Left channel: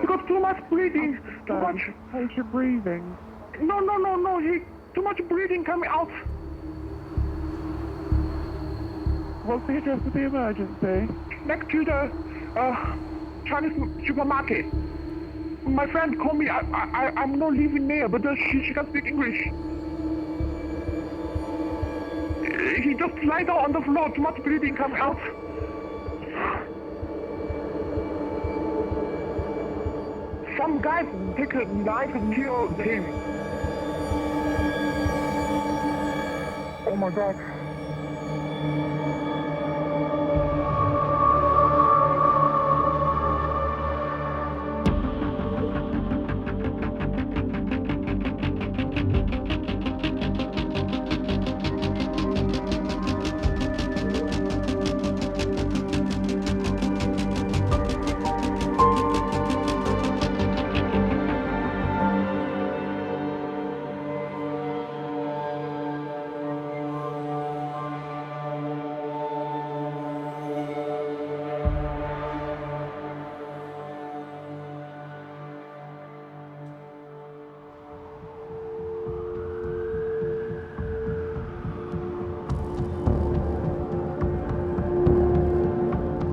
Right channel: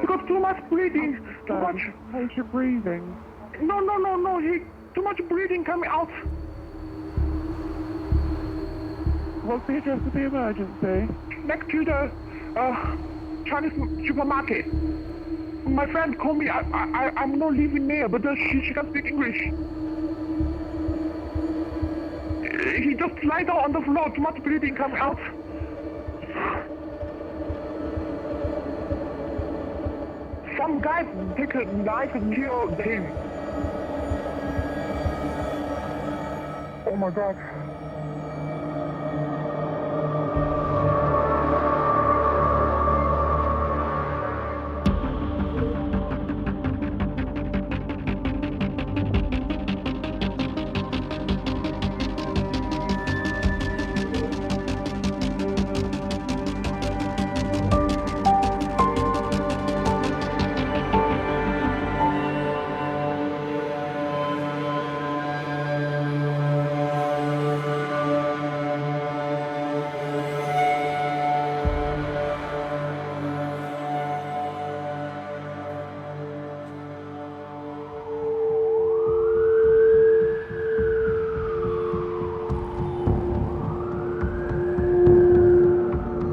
Because too much bleeding, too much... How's your breathing? No, too much bleeding coming out. What's the address of the emergency? Next to the Chinese supermarket. My friend called me, I'm not living there, but she can speak English. He just lied down on the floor, too much bleeding coming out. Some guys take a knife and kill him. Oh my God.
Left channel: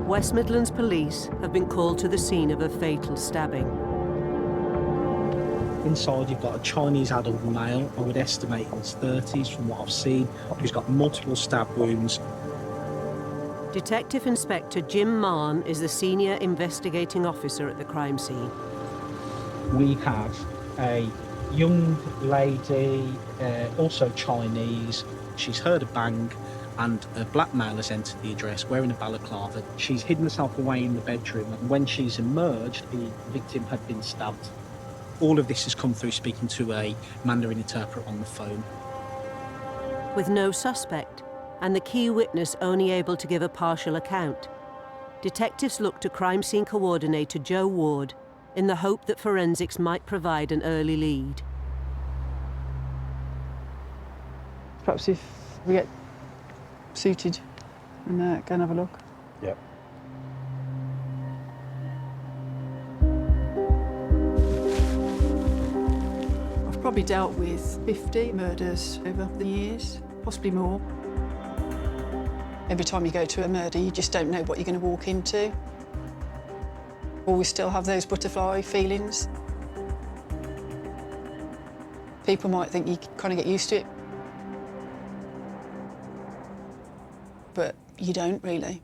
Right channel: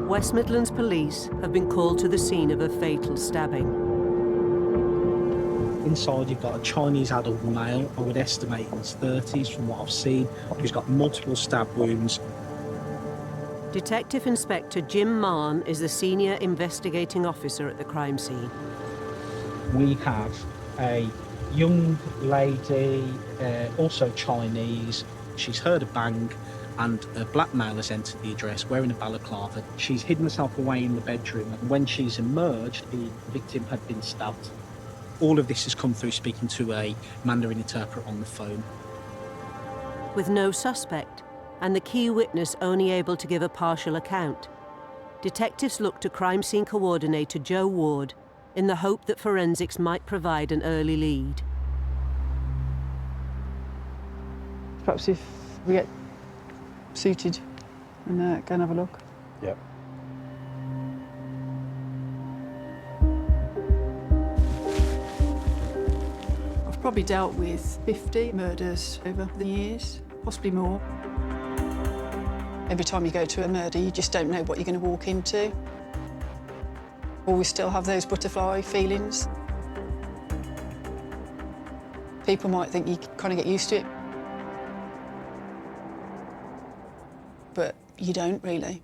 West Midlands Police have been called to the scene of a fatal stabbing. Inside you've got a Chinese adult male, I would estimate in his 30s from what I've seen, who's got multiple stab wounds. Detective Inspector Jin Minyang is the senior investigating officer at the crime scene. We have a young lady, also Chinese. She's heard a bang and a black male has entered the address wearing a balaclava. She's hidden herself away in the bedroom, and when she's emerged, the victim had been stabbed. All of this has come through speaking to a Mandarin interpreter on the phone. With no suspect, and the key witness only able to give a partial account, detectives looked to crime scene coordinator Joe Ward in the hope that forensics might provide an early lead. Perhaps if we get suited and go and have a look. Yep. I've probably dealt with 50 murders over the years, possibly more. Every time you go to a murder, you just don't know what you're going to walk into. Always still have those butterfly feelings. People might think you kind of get used to it, but you don't really.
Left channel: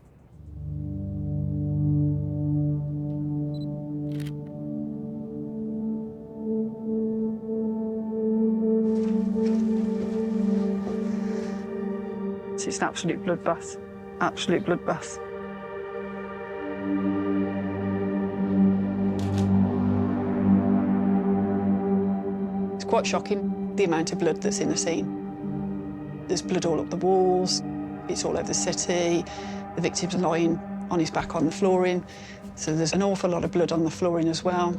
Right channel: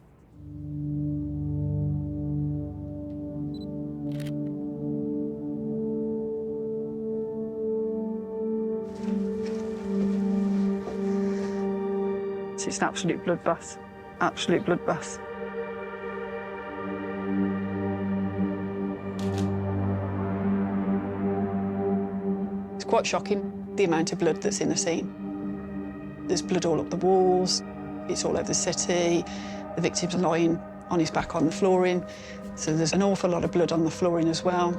It's an absolute bloodbath, absolute bloodbath. It's quite shocking, the amount of blood that's in the scene. There's blood all up the walls, it's all over the city, the victim's lying on his back on the flooring, so there's an awful lot of blood on the flooring as well.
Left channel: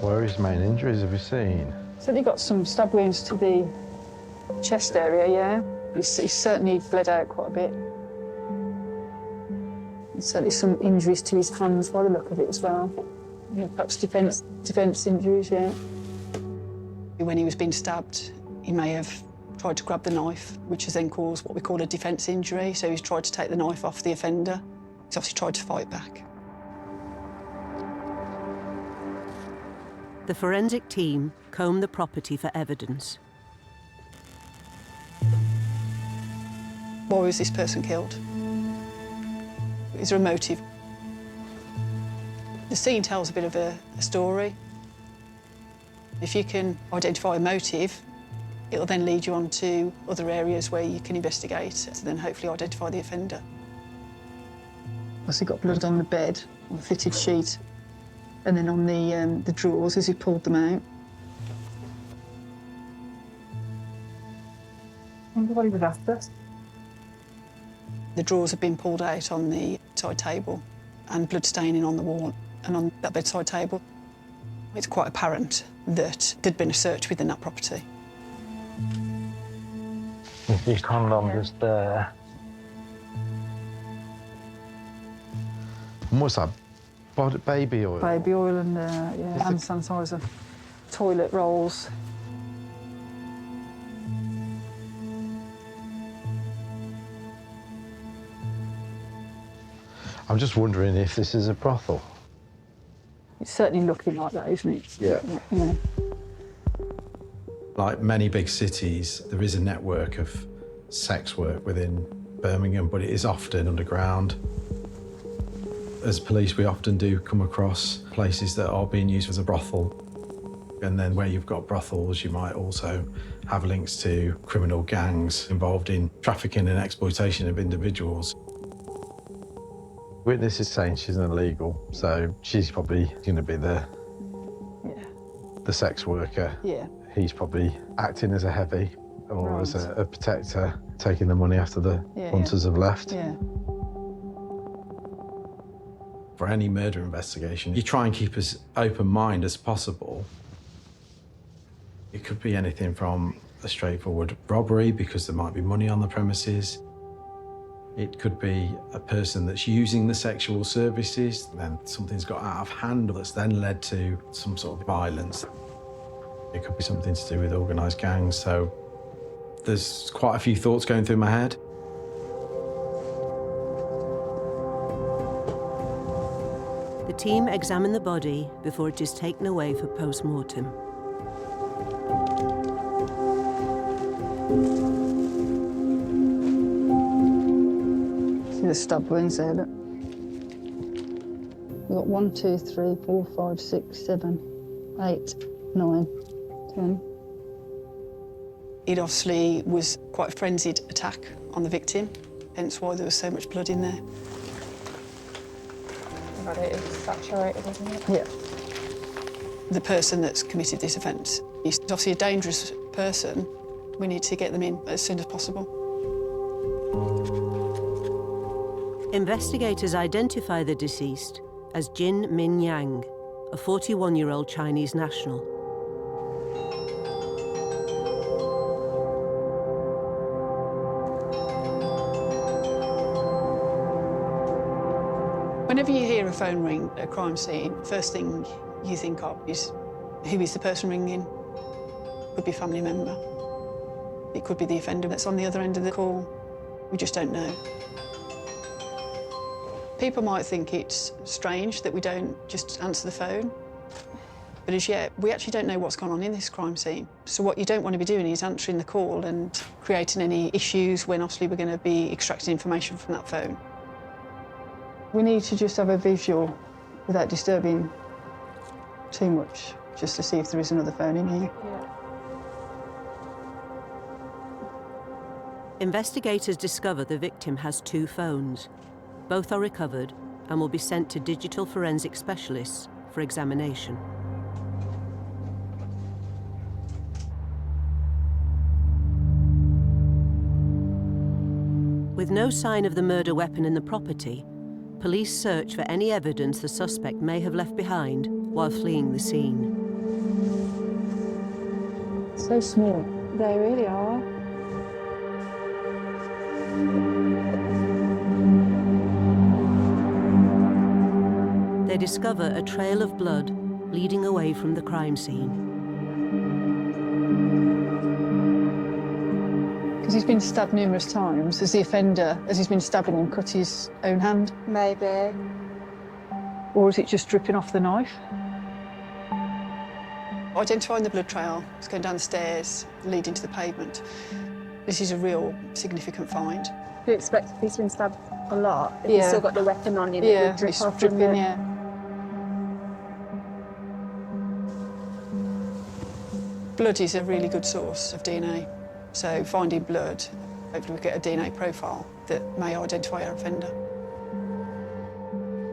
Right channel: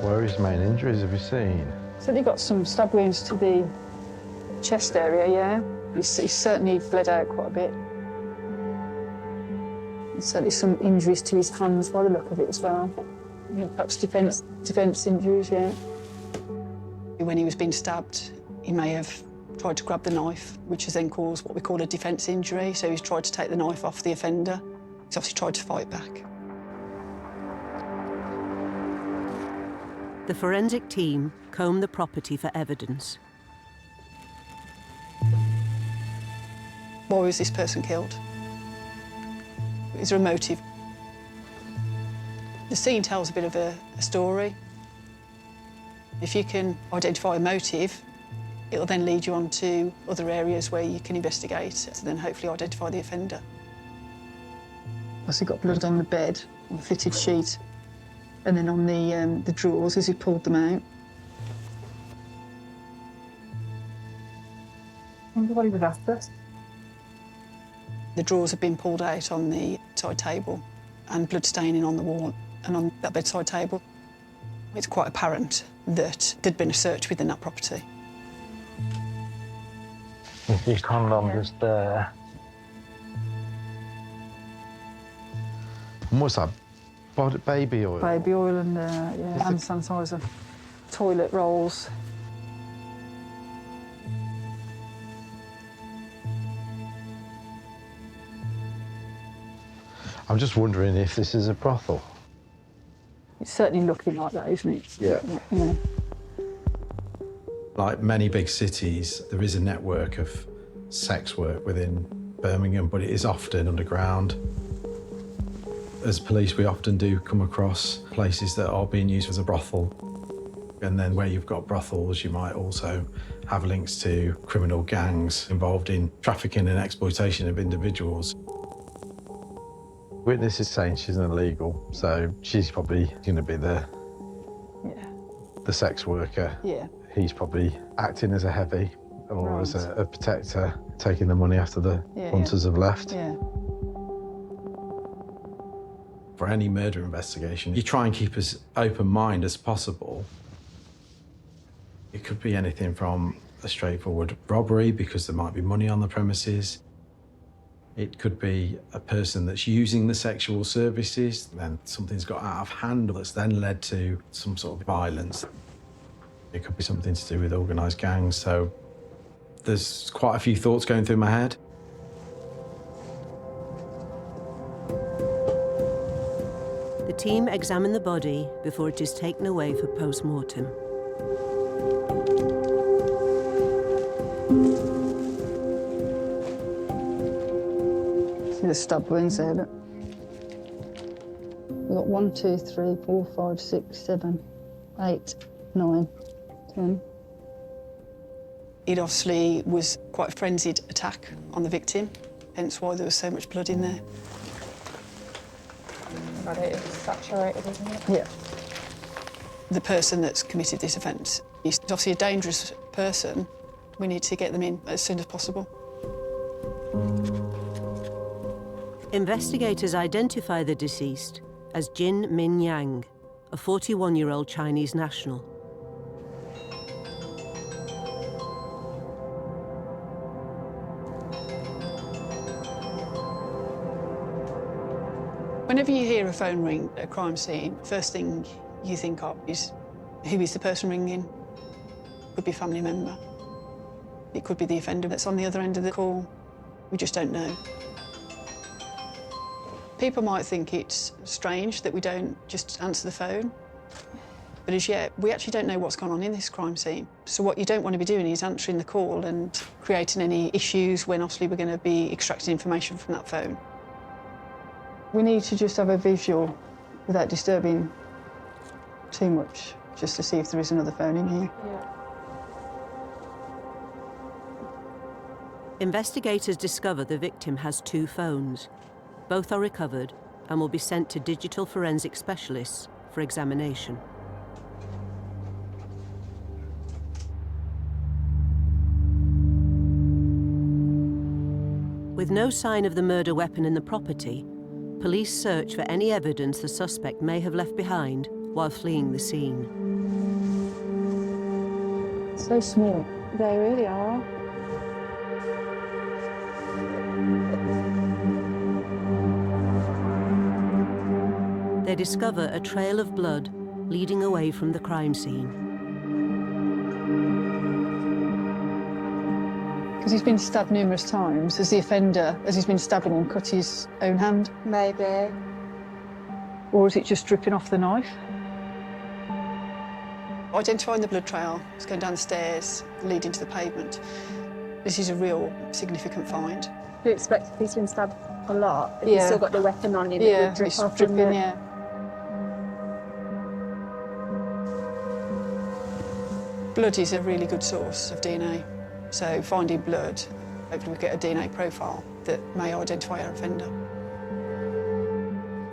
Where are his main injuries, have you seen? So he got some stab wounds to the chest area, yeah. He's certainly bled out quite a bit. And certainly some injuries to his hands by the look of it as well. Yeah, perhaps defence injuries, yeah. When he was being stabbed, he may have tried to grab the knife, which has then caused what we call a defence injury. So he's tried to take the knife off the offender. He's obviously tried to fight back. The forensic team combed the property for evidence. Why was this person killed? Is there a motive? The scene tells a bit of a story. If you can identify a motive, it'll then lead you on to other areas where you can investigate to then hopefully identify the offender. He got blood on the bed, on the fitted sheet, and then on the drawers as he pulled them out. I wonder what he was after. The drawers had been pulled out on the side table and blood staining on the wall and on that bedside table. It's quite apparent that there'd been a search within that property. The condom just there. And what's that Baby oil? Baby oil and yeah, hand sanitizer, toilet rolls. I'm just wondering if this is a brothel. It's certainly looking like that, isn't it? Yeah. Yeah. Like many big cities, there is a network of sex work within Birmingham, but it is often underground. As police, we often do come across places that are being used as a brothel. And then where you've got brothels, you might also have links to criminal gangs involved in trafficking and exploitation of individuals. Witness is saying she's an illegal, so she's probably going to be the sex worker. Yeah. He's probably acting as a heavy or Right. as a protector, taking the money after the hunters have left. Yeah. For any murder investigation, you try and keep as open mind as possible. It could be anything from a straightforward robbery because there might be money on the premises. It could be a person that's using the sexual services, then something's got out of hand that's then led to some sort of violence. It could be something to do with organised gangs, so there's quite a few thoughts going through my head. The team examine the body before it is taken away for post-mortem. See the stab wounds there, look. We've got 1, 2, 3, 4, 5, 6, 7, 8, 9, 10. It obviously was quite a frenzied attack on the victim, hence why there was so much blood in there. But it is saturated, isn't it? Yeah. The person that's committed this offence is obviously a dangerous person. We need to get them in as soon as possible. Investigators identify the deceased as Jin Minyang, a 41-year-old Chinese national. Whenever you hear a phone ring at a crime scene, first thing you think of is, who is the person ringing? Could be a family member. It could be the offender that's on the other end of the call. We just don't know. People might think it's strange that we don't just answer the phone, but as yet, we actually don't know what's gone on in this crime scene. So what you don't want to be doing is answering the call and creating any issues when obviously we're going to be extracting information from that phone. We need to just have a visual without disturbing too much, just to see if there is another phone in here. Yeah. Investigators discover the victim has 2 phones. Both are recovered and will be sent to digital forensic specialists for examination. With no sign of the murder weapon in the property, police search for any evidence the suspect may have left behind while fleeing the scene. So small. They really are. They discover a trail of blood leading away from the crime scene. Because he's been stabbed numerous times, has the offender, as he's been stabbing him, cut his own hand? Maybe. Or is it just dripping off the knife? Identifying the blood trail, it's going down the stairs, leading to the pavement. This is a real significant find. You expect he's been stabbed a lot, but Yeah. you've still got the weapon on you. Yeah, Drip it's off dripping, from yeah. Blood is a really good source of DNA, so finding blood, hopefully we get a DNA profile that may identify our offender.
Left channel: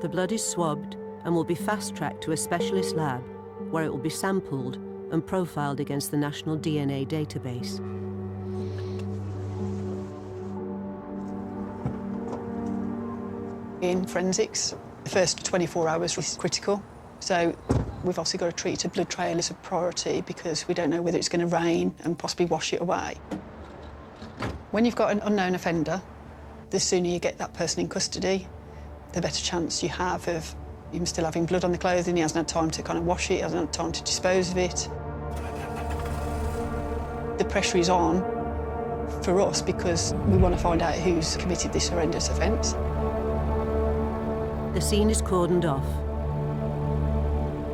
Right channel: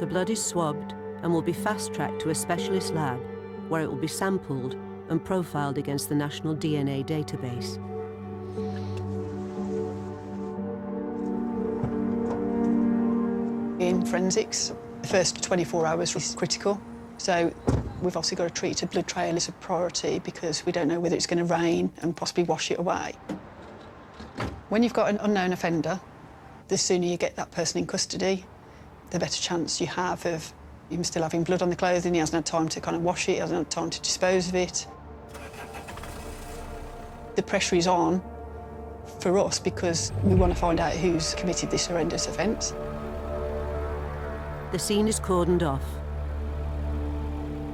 The blood is swabbed and will be fast-tracked to a specialist lab where it will be sampled and profiled against the national DNA database. In forensics, the first 24 hours is critical, so we've obviously got to treat a blood trail as a priority because we don't know whether it's going to rain and possibly wash it away. When you've got an unknown offender, the sooner you get that person in custody, the better chance you have of He was still having blood on the clothing, he hasn't had time to kind of wash it, he hasn't had time to dispose of it. The pressure is on for us because we want to find out who's committed this horrendous offence. The scene is cordoned off.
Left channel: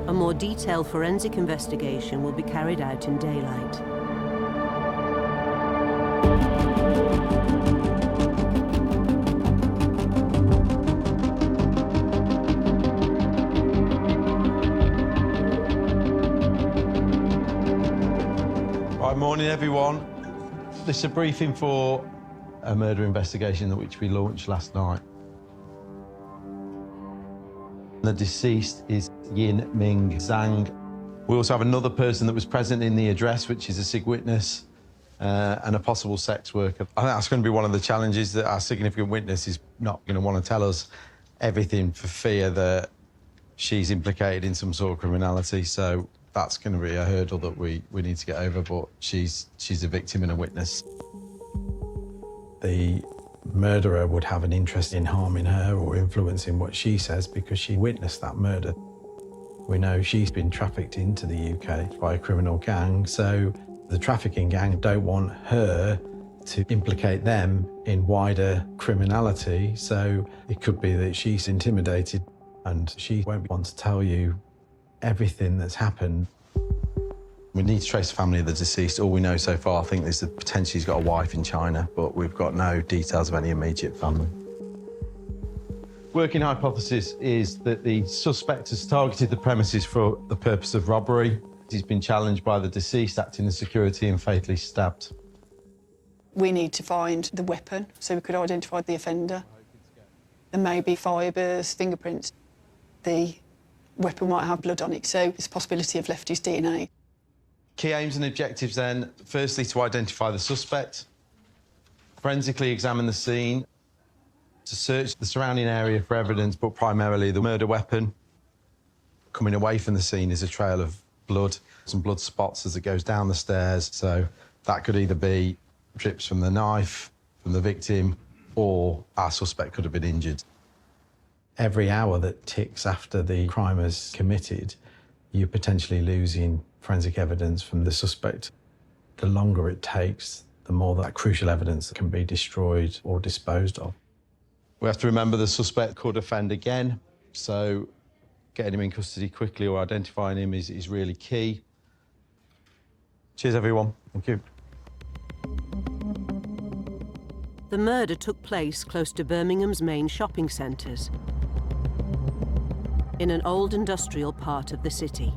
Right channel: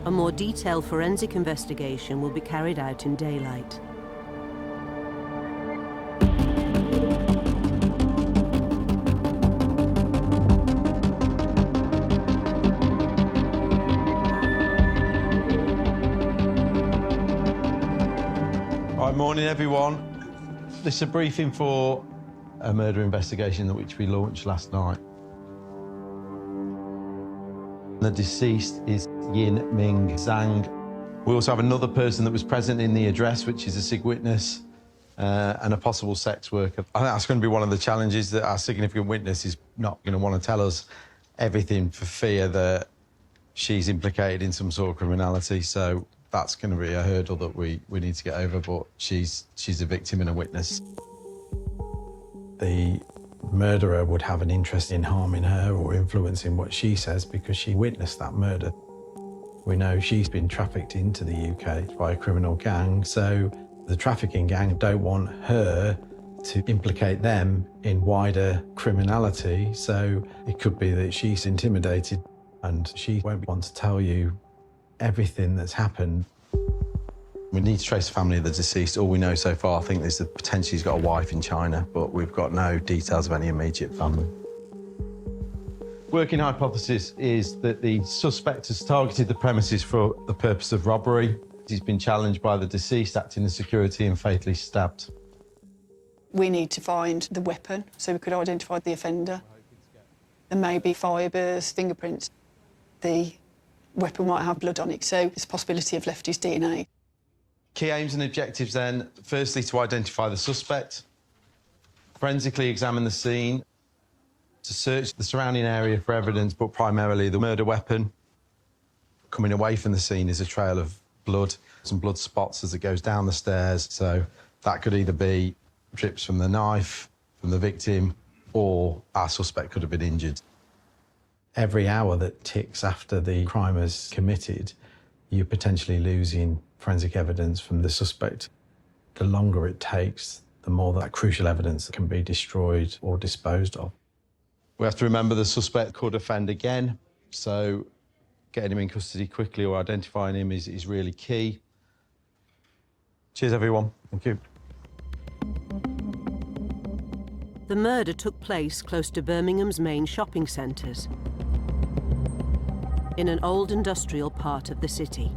A more detailed forensic investigation will be carried out in daylight. Right, morning everyone. This is a briefing for a murder investigation which we launched last night. The deceased is Jin Minyang. We also have another person that was present in the address, which is a SIG witness, and a possible sex worker. I think that's going to be one of the challenges, that our significant witness is not going to want to tell us everything for fear that she's implicated in some sort of criminality. So that's going to be a hurdle that we need to get over, but she's a victim and a witness. The murderer would have an interest in harming her or influencing what she says because she witnessed that murder. We know she's been trafficked into the UK by a criminal gang, so the trafficking gang don't want her to implicate them in wider criminality, so it could be that she's intimidated and she won't want to tell you everything that's happened. We need to trace the family of the deceased. All we know so far, I think, is that potentially he's got a wife in China, but we've got no details of any immediate family. Working hypothesis is that the suspect has targeted the premises for the purpose of robbery. He's been challenged by the deceased acting as security and fatally stabbed. We need to find the weapon so we could identify the offender. There may be fibres, fingerprints. The weapon might have blood on it, so there's a possibility of Lefty's DNA. Key aims and objectives then, firstly to identify the suspect, forensically examine the scene, to search the surrounding area for evidence, but primarily the murder weapon. Coming away from the scene is a trail of blood, some blood spots as it goes down the stairs, so that could either be drips from the knife, from the victim, or our suspect could have been injured. Every hour that ticks after the crime is committed, you're potentially losing forensic evidence from the suspect. The longer it takes, the more that crucial evidence can be destroyed or disposed of. We have to remember the suspect could offend again, so getting him in custody quickly or identifying him is really key. Cheers, everyone. Thank you. The murder took place close to Birmingham's main shopping centres, in an old industrial part of the city.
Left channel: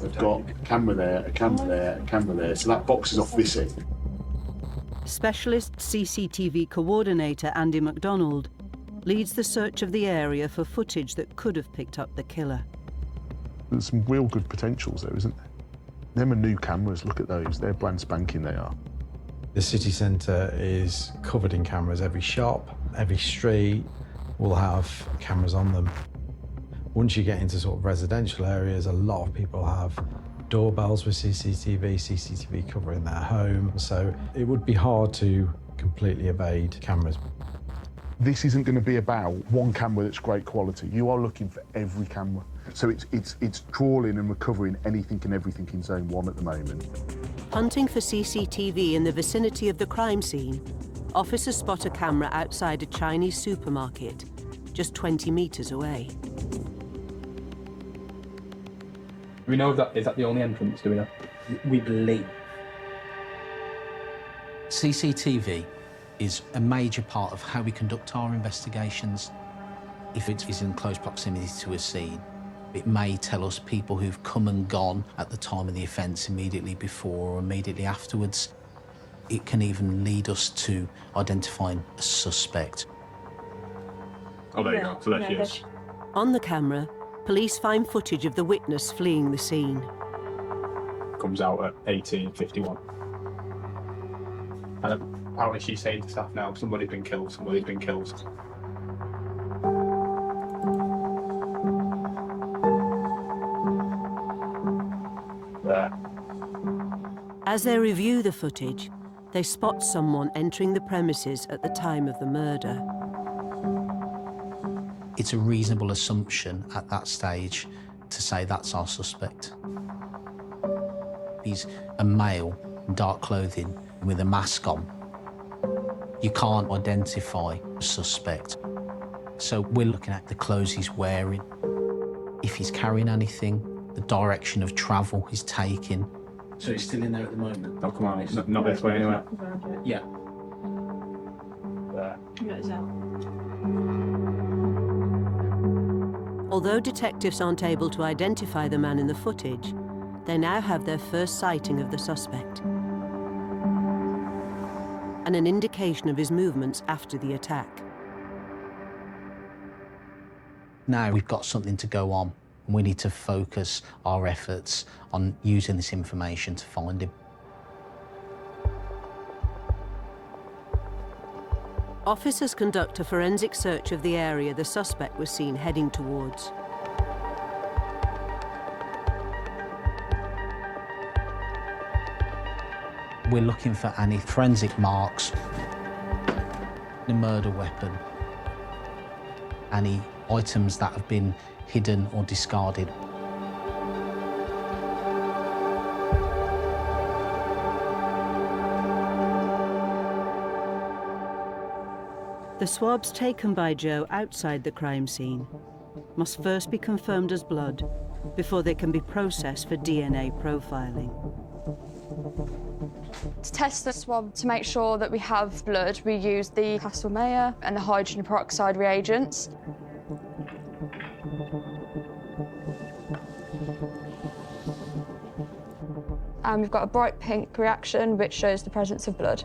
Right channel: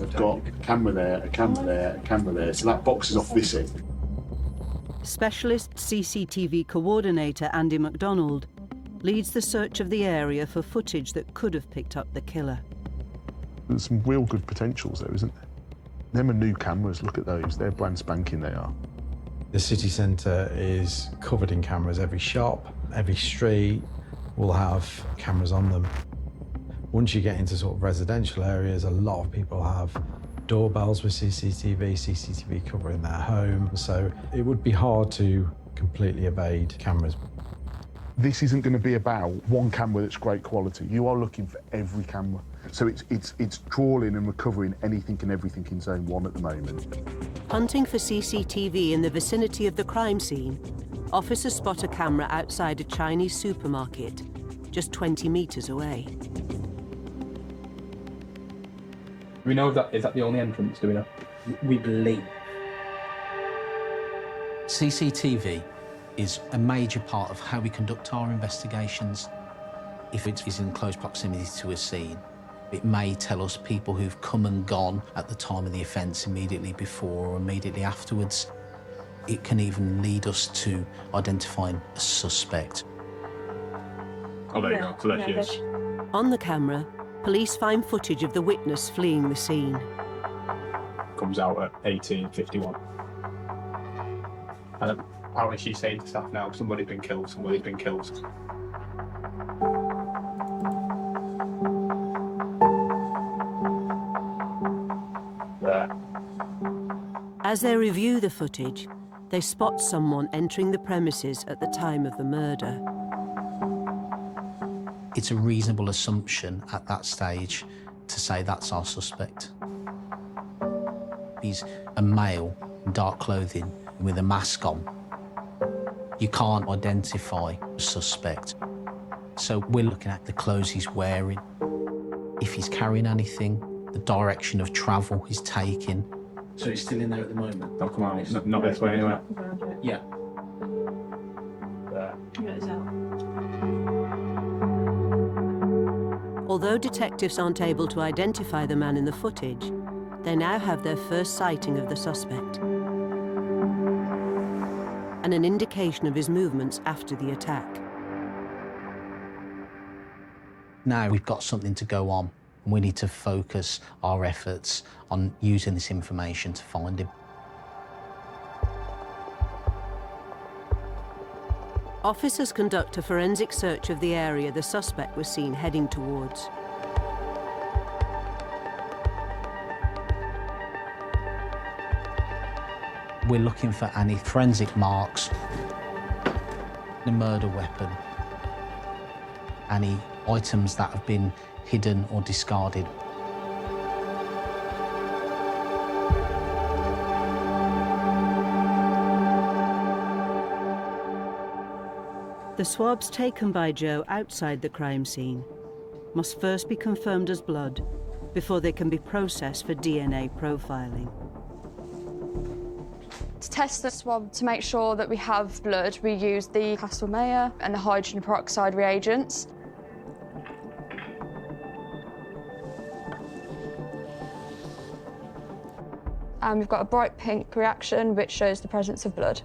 They've got a camera there, a camera there, a camera there, so that box is off this end. Specialist CCTV coordinator Andy MacDonald leads the search of the area for footage that could have picked up the killer. There's some real good potentials there, isn't there? Them are new cameras, look at those, they're brand spanking they are. The city centre is covered in cameras. Every shop, every street will have cameras on them. Once you get into sort of residential areas, a lot of people have doorbells with CCTV covering their home, so it would be hard to completely evade cameras. This isn't going to be about one camera that's great quality. You are looking for every camera. So it's trawling and recovering anything and everything in Zone 1 at the moment. Hunting for CCTV in the vicinity of the crime scene, officers spot a camera outside a Chinese supermarket, just 20 metres away. We know that is that the only entrance, do we know? We believe. CCTV is a major part of how we conduct our investigations. If it is in close proximity to a scene, it may tell us people who've come and gone at the time of the offence, immediately before or immediately afterwards. It can even lead us to identifying a suspect. Oh, there you go. So there she is. On the camera, police find footage of the witness fleeing the scene. Comes out at 18:51. And apparently she's saying to staff now, somebody's been killed, somebody's been killed. There. As they review the footage, they spot someone entering the premises at the time of the murder. It's a reasonable assumption at that stage to say that's our suspect. He's a male in dark clothing with a mask on. You can't identify a suspect. So we're looking at the clothes he's wearing, if he's carrying anything, the direction of travel he's taking. So he's still in there at the moment? Oh, come on, not this way anyway. Yeah. Although detectives aren't able to identify the man in the footage, they now have their first sighting of the suspect and an indication of his movements after the attack. Now we've got something to go on. We need to focus our efforts on using this information to find him. Officers conduct a forensic search of the area the suspect was seen heading towards. We're looking for any forensic marks, a murder weapon, any items that have been hidden or discarded. The swabs taken by Joe outside the crime scene must first be confirmed as blood before they can be processed for DNA profiling. To test the swab to make sure that we have blood, we use the Castle-Mayer and the hydrogen peroxide reagents. And we've got a bright pink reaction which shows the presence of blood.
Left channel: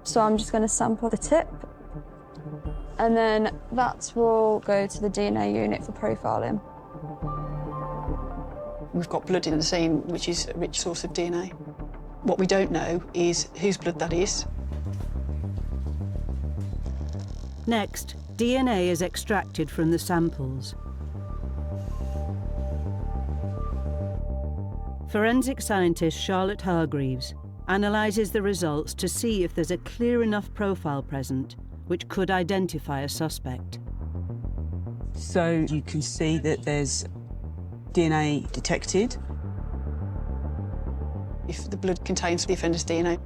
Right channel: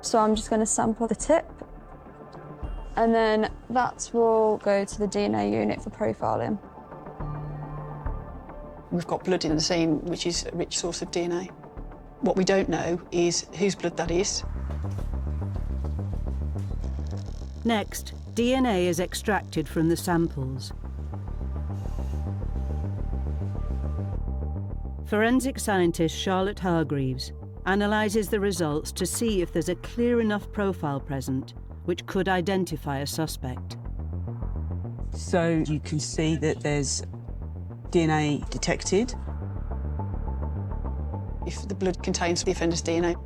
So I'm just going to sample the tip, and then that will go to the DNA unit for profiling. We've got blood in the scene, which is a rich source of DNA. What we don't know is whose blood that is. Next, DNA is extracted from the samples. Forensic scientist Charlotte Hargreaves analyses the results to see if there's a clear enough profile present which could identify a suspect. So you can see that there's DNA detected. If the blood contains the offender's DNA,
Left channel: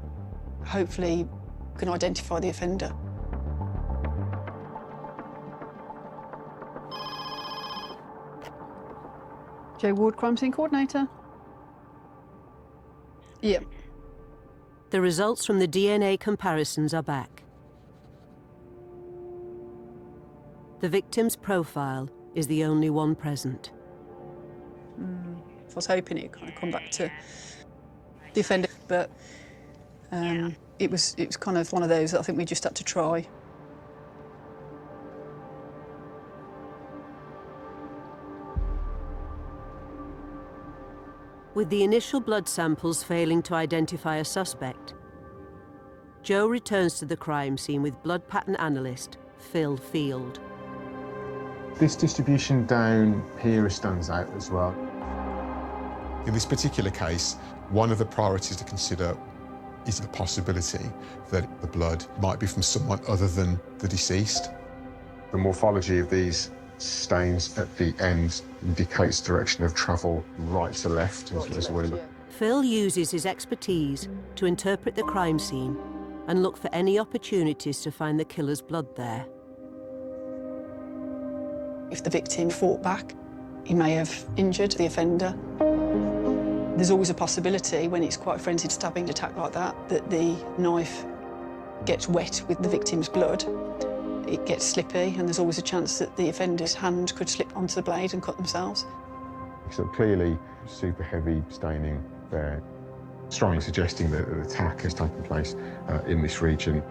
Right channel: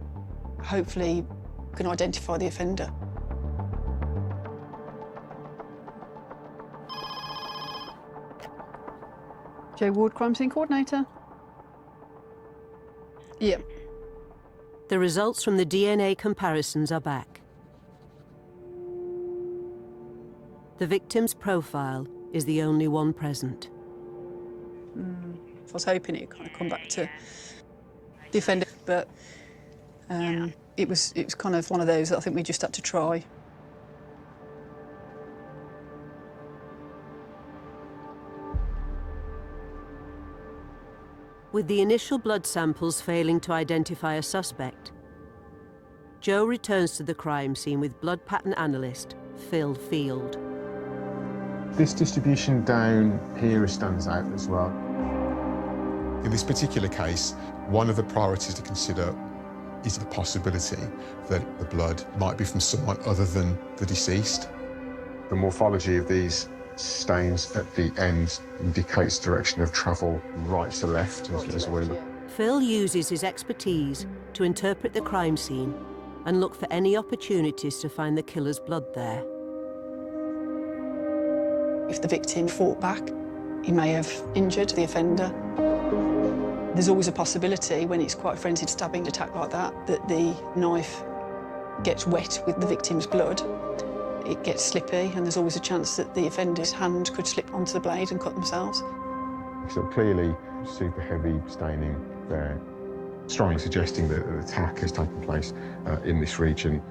hopefully we can identify the offender. Joe Ward, crime scene coordinator. Yeah. The results from the DNA comparisons are back. The victim's profile is the only one present. I was hoping it would kind of come back to the offender, but it was kind of one of those that I think we just had to try. With the initial blood samples failing to identify a suspect, Joe returns to the crime scene with blood pattern analyst Phil Field. This distribution down here stands out as well. In this particular case, one of the priorities to consider is the possibility that the blood might be from someone other than the deceased. The morphology of these stains at the end indicates direction of travel right to left as well. Phil uses his expertise to interpret the crime scene and look for any opportunities to find the killer's blood there. If the victim fought back, he may have injured the offender. There's always a possibility when it's quite a frenzied stabbing attack like that, that the knife gets wet with the victim's blood. It gets slippy, and there's always a chance that the offender's hand could slip onto the blade and cut themselves. So clearly super heavy staining there, strongly suggesting that an attack has taken place in this region.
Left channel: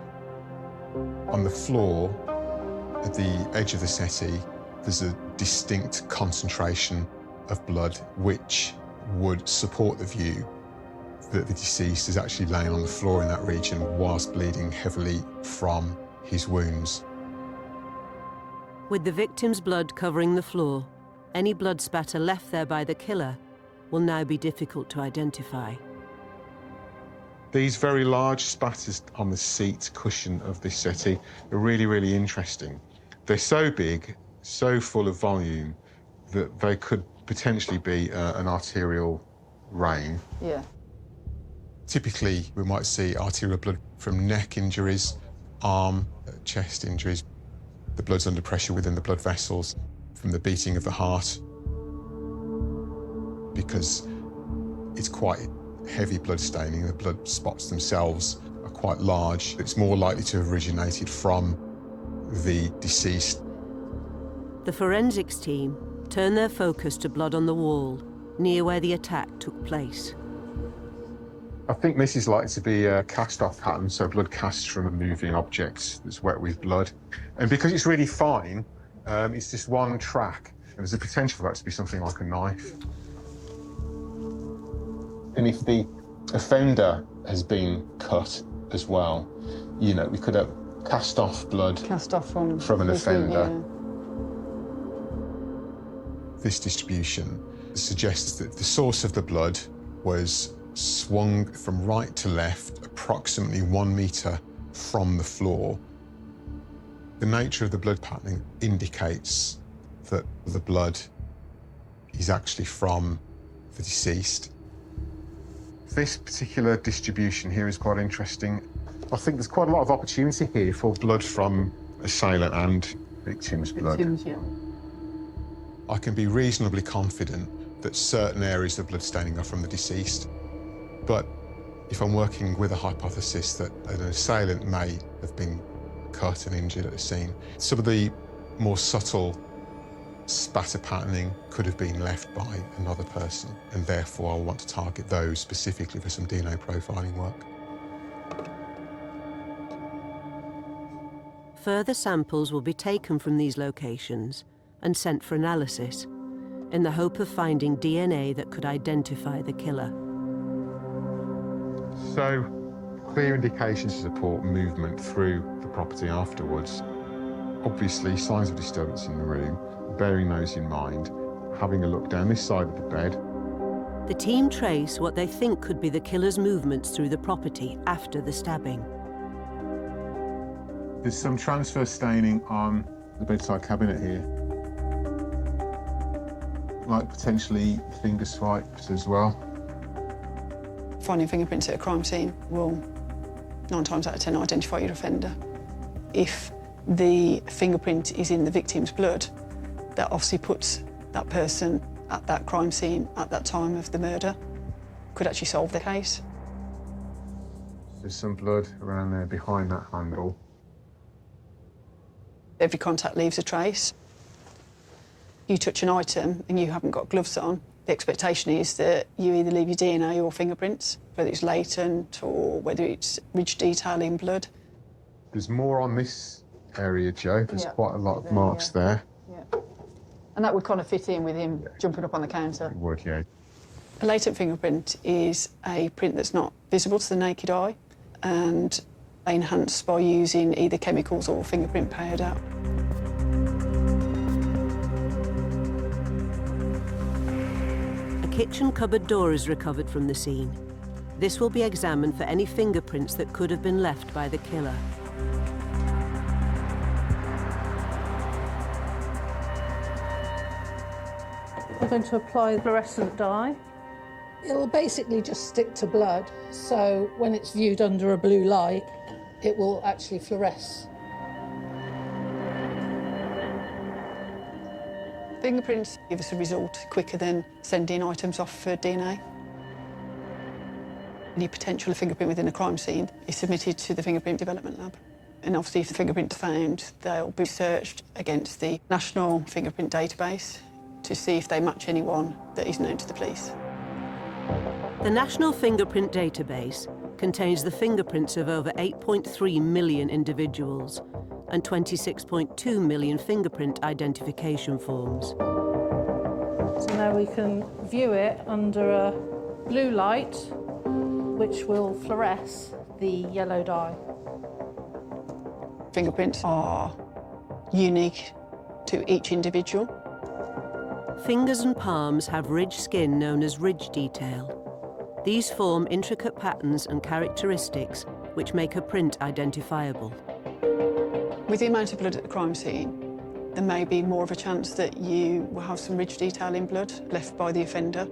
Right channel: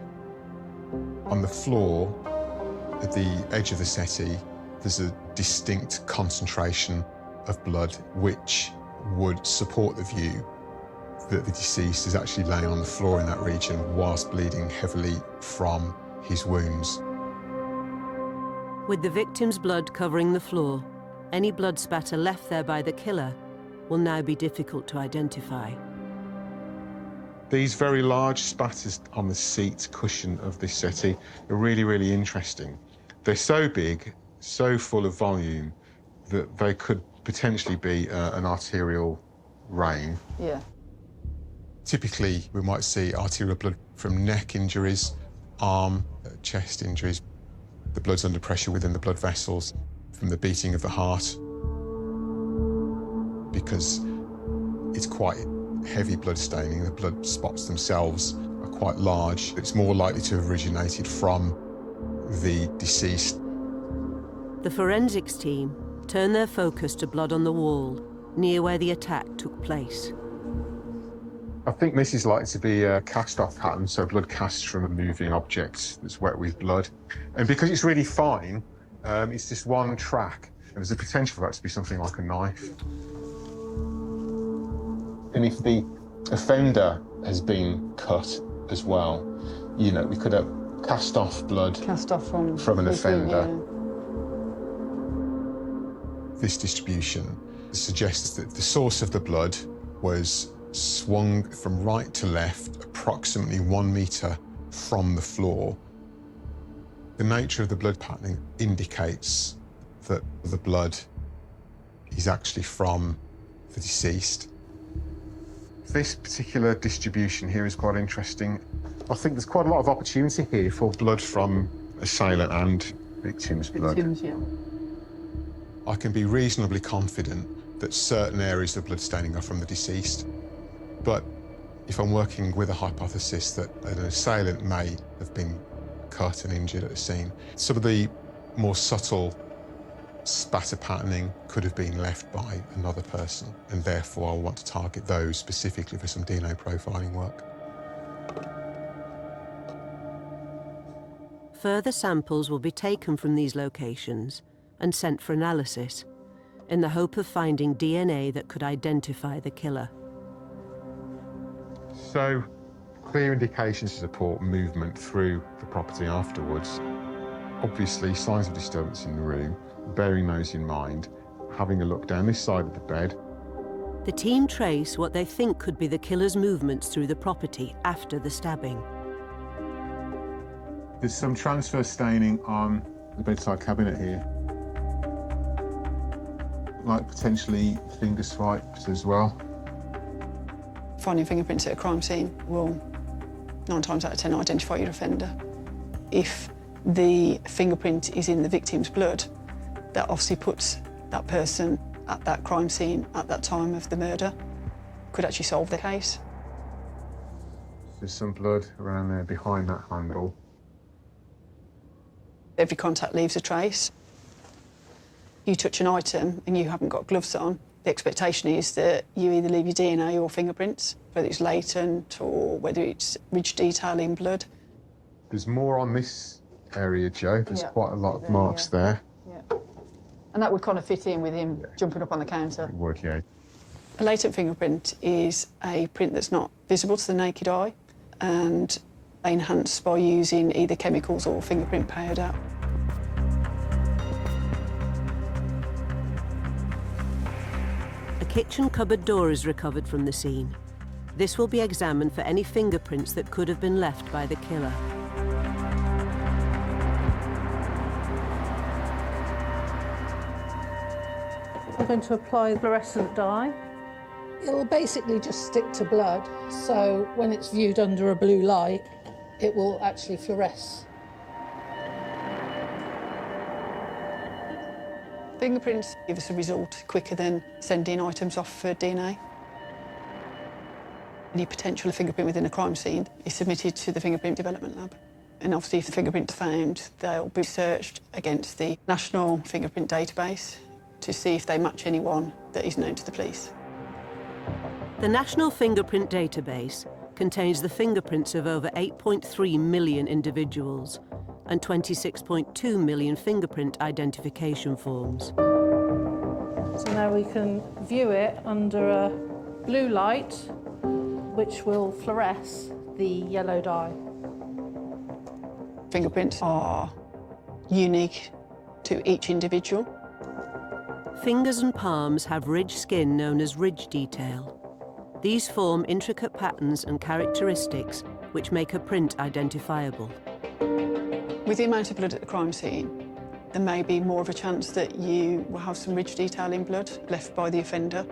On the floor, at the edge of the settee, there's a distinct concentration of blood which would support the view that the deceased is actually laying on the floor in that region whilst bleeding heavily from his wounds. With the victim's blood covering the floor, any blood spatter left there by the killer will now be difficult to identify. These very large spatters on the seat cushion of this settee are really, really interesting. They're so big, so full of volume, that they could potentially be an arterial vein. Yeah. Typically, we might see arterial blood from neck injuries, arm, chest injuries. The blood's under pressure within the blood vessels from the beating of the heart. Because it's quite heavy blood staining, the blood spots themselves are quite large. It's more likely to have originated from the deceased. The forensics team turn their focus to blood on the wall, near where the attack took place. I think this is likely to be a cast-off pattern, so blood cast from a moving object that's wet with blood. And because it's really fine, it's just one track. There's a potential for that to be something like a knife. And if the offender has been cut as well, you know, we could have cast-off blood from an offender. This distribution suggests that the source of the blood was swung from right to left, approximately 1 metre from the floor. The nature of the blood patterning indicates that the blood is actually from the deceased. This particular distribution here is quite interesting. I think there's quite a lot of opportunity here for blood from assailant and victim's blood. I can be reasonably confident that certain areas of blood staining are from the deceased. But if I'm working with a hypothesis that an assailant may have been cut and injured at the scene, some of the more subtle spatter patterning could have been left by another person, and therefore I want to target those specifically for some DNA profiling work. Further samples will be taken from these locations and sent for analysis, in the hope of finding DNA that could identify the killer. So, clear indications to support movement through the property afterwards. Obviously, signs of disturbance in the room, bearing those in mind, having a look down this side of the bed. The team trace what they think could be the killer's movements through the property after the stabbing. There's some transfer staining on the bedside cabinet here. Like potentially finger swipes as well. Finding fingerprints at a crime scene will 9 times out of 10 identify your offender. If the fingerprint is in the victim's blood, that obviously puts that person at that crime scene at that time of the murder. Could actually solve the case. There's some blood around there behind that handle. Every contact leaves a trace. You touch an item and you haven't got gloves on, the expectation is that you either leave your DNA or fingerprints, whether it's latent or whether it's ridge detailing blood. There's more on this area, Joe. There's quite a lot of marks there. Yeah. And that would kind of fit in with him jumping up on the counter. Would, yeah. A latent fingerprint is a print that's not visible to the naked eye and enhanced by using either chemicals or fingerprint powder. A kitchen cupboard door is recovered from the scene. This will be examined for any fingerprints that could have been left by the killer. We're going to apply fluorescent dye. It will basically just stick to blood, so when it's viewed under a blue light, it will actually fluoresce. Fingerprints give us a result quicker than sending items off for DNA. Any potential fingerprint within a crime scene is submitted to the Fingerprint Development Lab. And obviously if the fingerprint is found, they'll be searched against the National Fingerprint Database to see if they match anyone that is known to the police. The National Fingerprint Database contains the fingerprints of over 8.3 million individuals and 26.2 million fingerprint identification forms. So now we can view it under a blue light, which will fluoresce the yellow dye. Fingerprints are unique to each individual. Fingers and palms have ridge skin known as ridge detail. These form intricate patterns and characteristics which make a print identifiable. With the amount of blood at the crime scene, there may be more of a chance that you will have some ridge detail in blood left by the offender.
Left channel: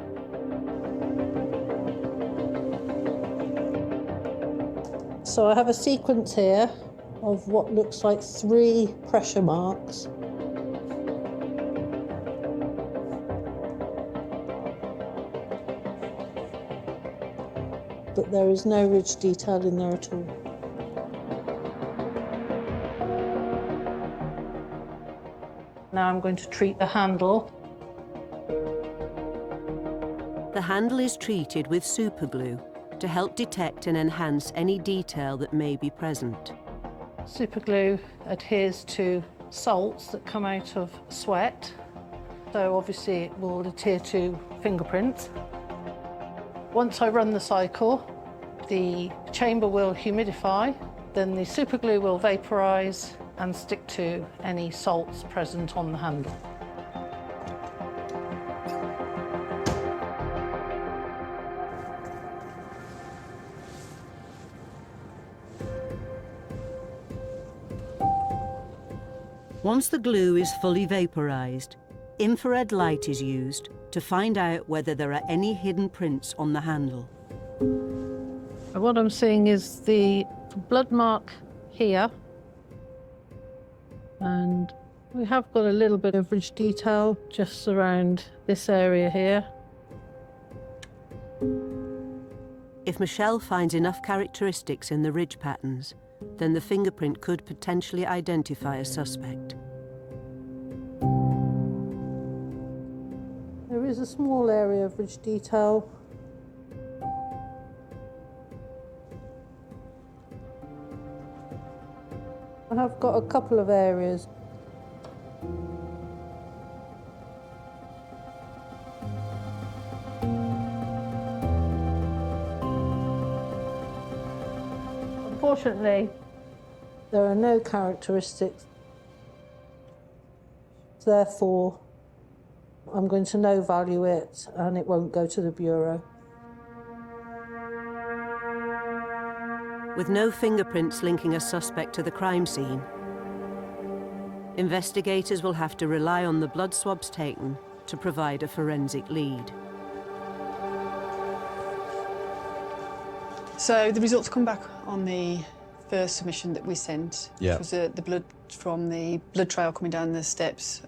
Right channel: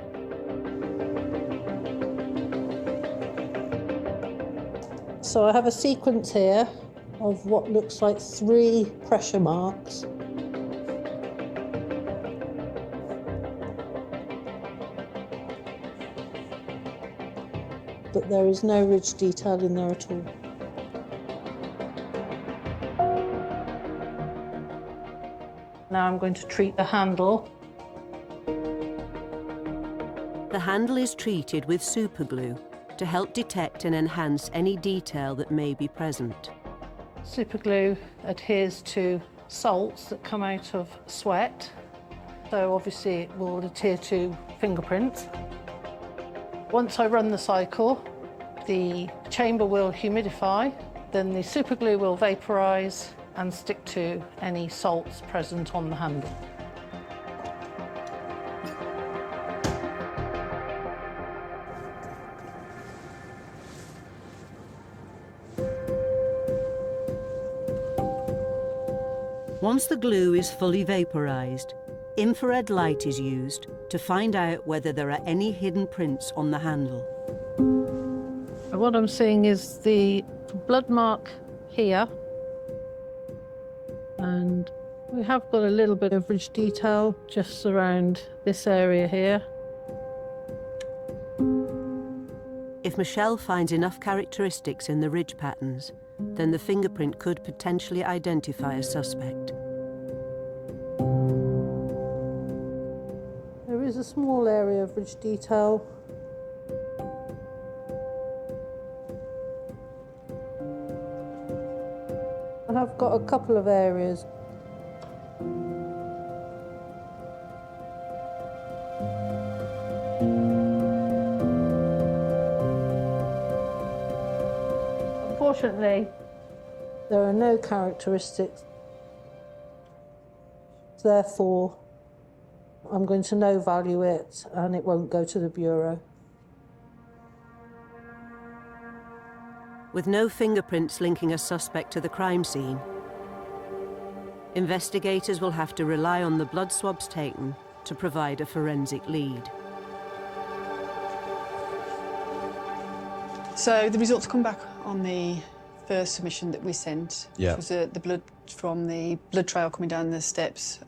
So I have a sequence here of what looks like 3 pressure marks. But there is no ridge detail in there at all. Now I'm going to treat the handle. The handle is treated with superglue to help detect and enhance any detail that may be present. Superglue adheres to salts that come out of sweat, so obviously it will adhere to fingerprints. Once I run the cycle, the chamber will humidify, then the superglue will vaporise and stick to any salts present on the handle. Once the glue is fully vaporized, infrared light is used to find out whether there are any hidden prints on the handle. What I'm seeing is the blood mark here, and we have got a little bit of ridge detail just around this area here. If Michelle finds enough characteristics in the ridge patterns, then the fingerprint could potentially identify a suspect. There is a small area of ridge detail. I have got a couple of areas. Unfortunately, there are no characteristics. Therefore, I'm going to no value it and it won't go to the Bureau. With no fingerprints linking a suspect to the crime scene, investigators will have to rely on the blood swabs taken to provide a forensic lead. So the results come back on the first submission that we sent, Yeah. which was the blood from the blood trail coming down the steps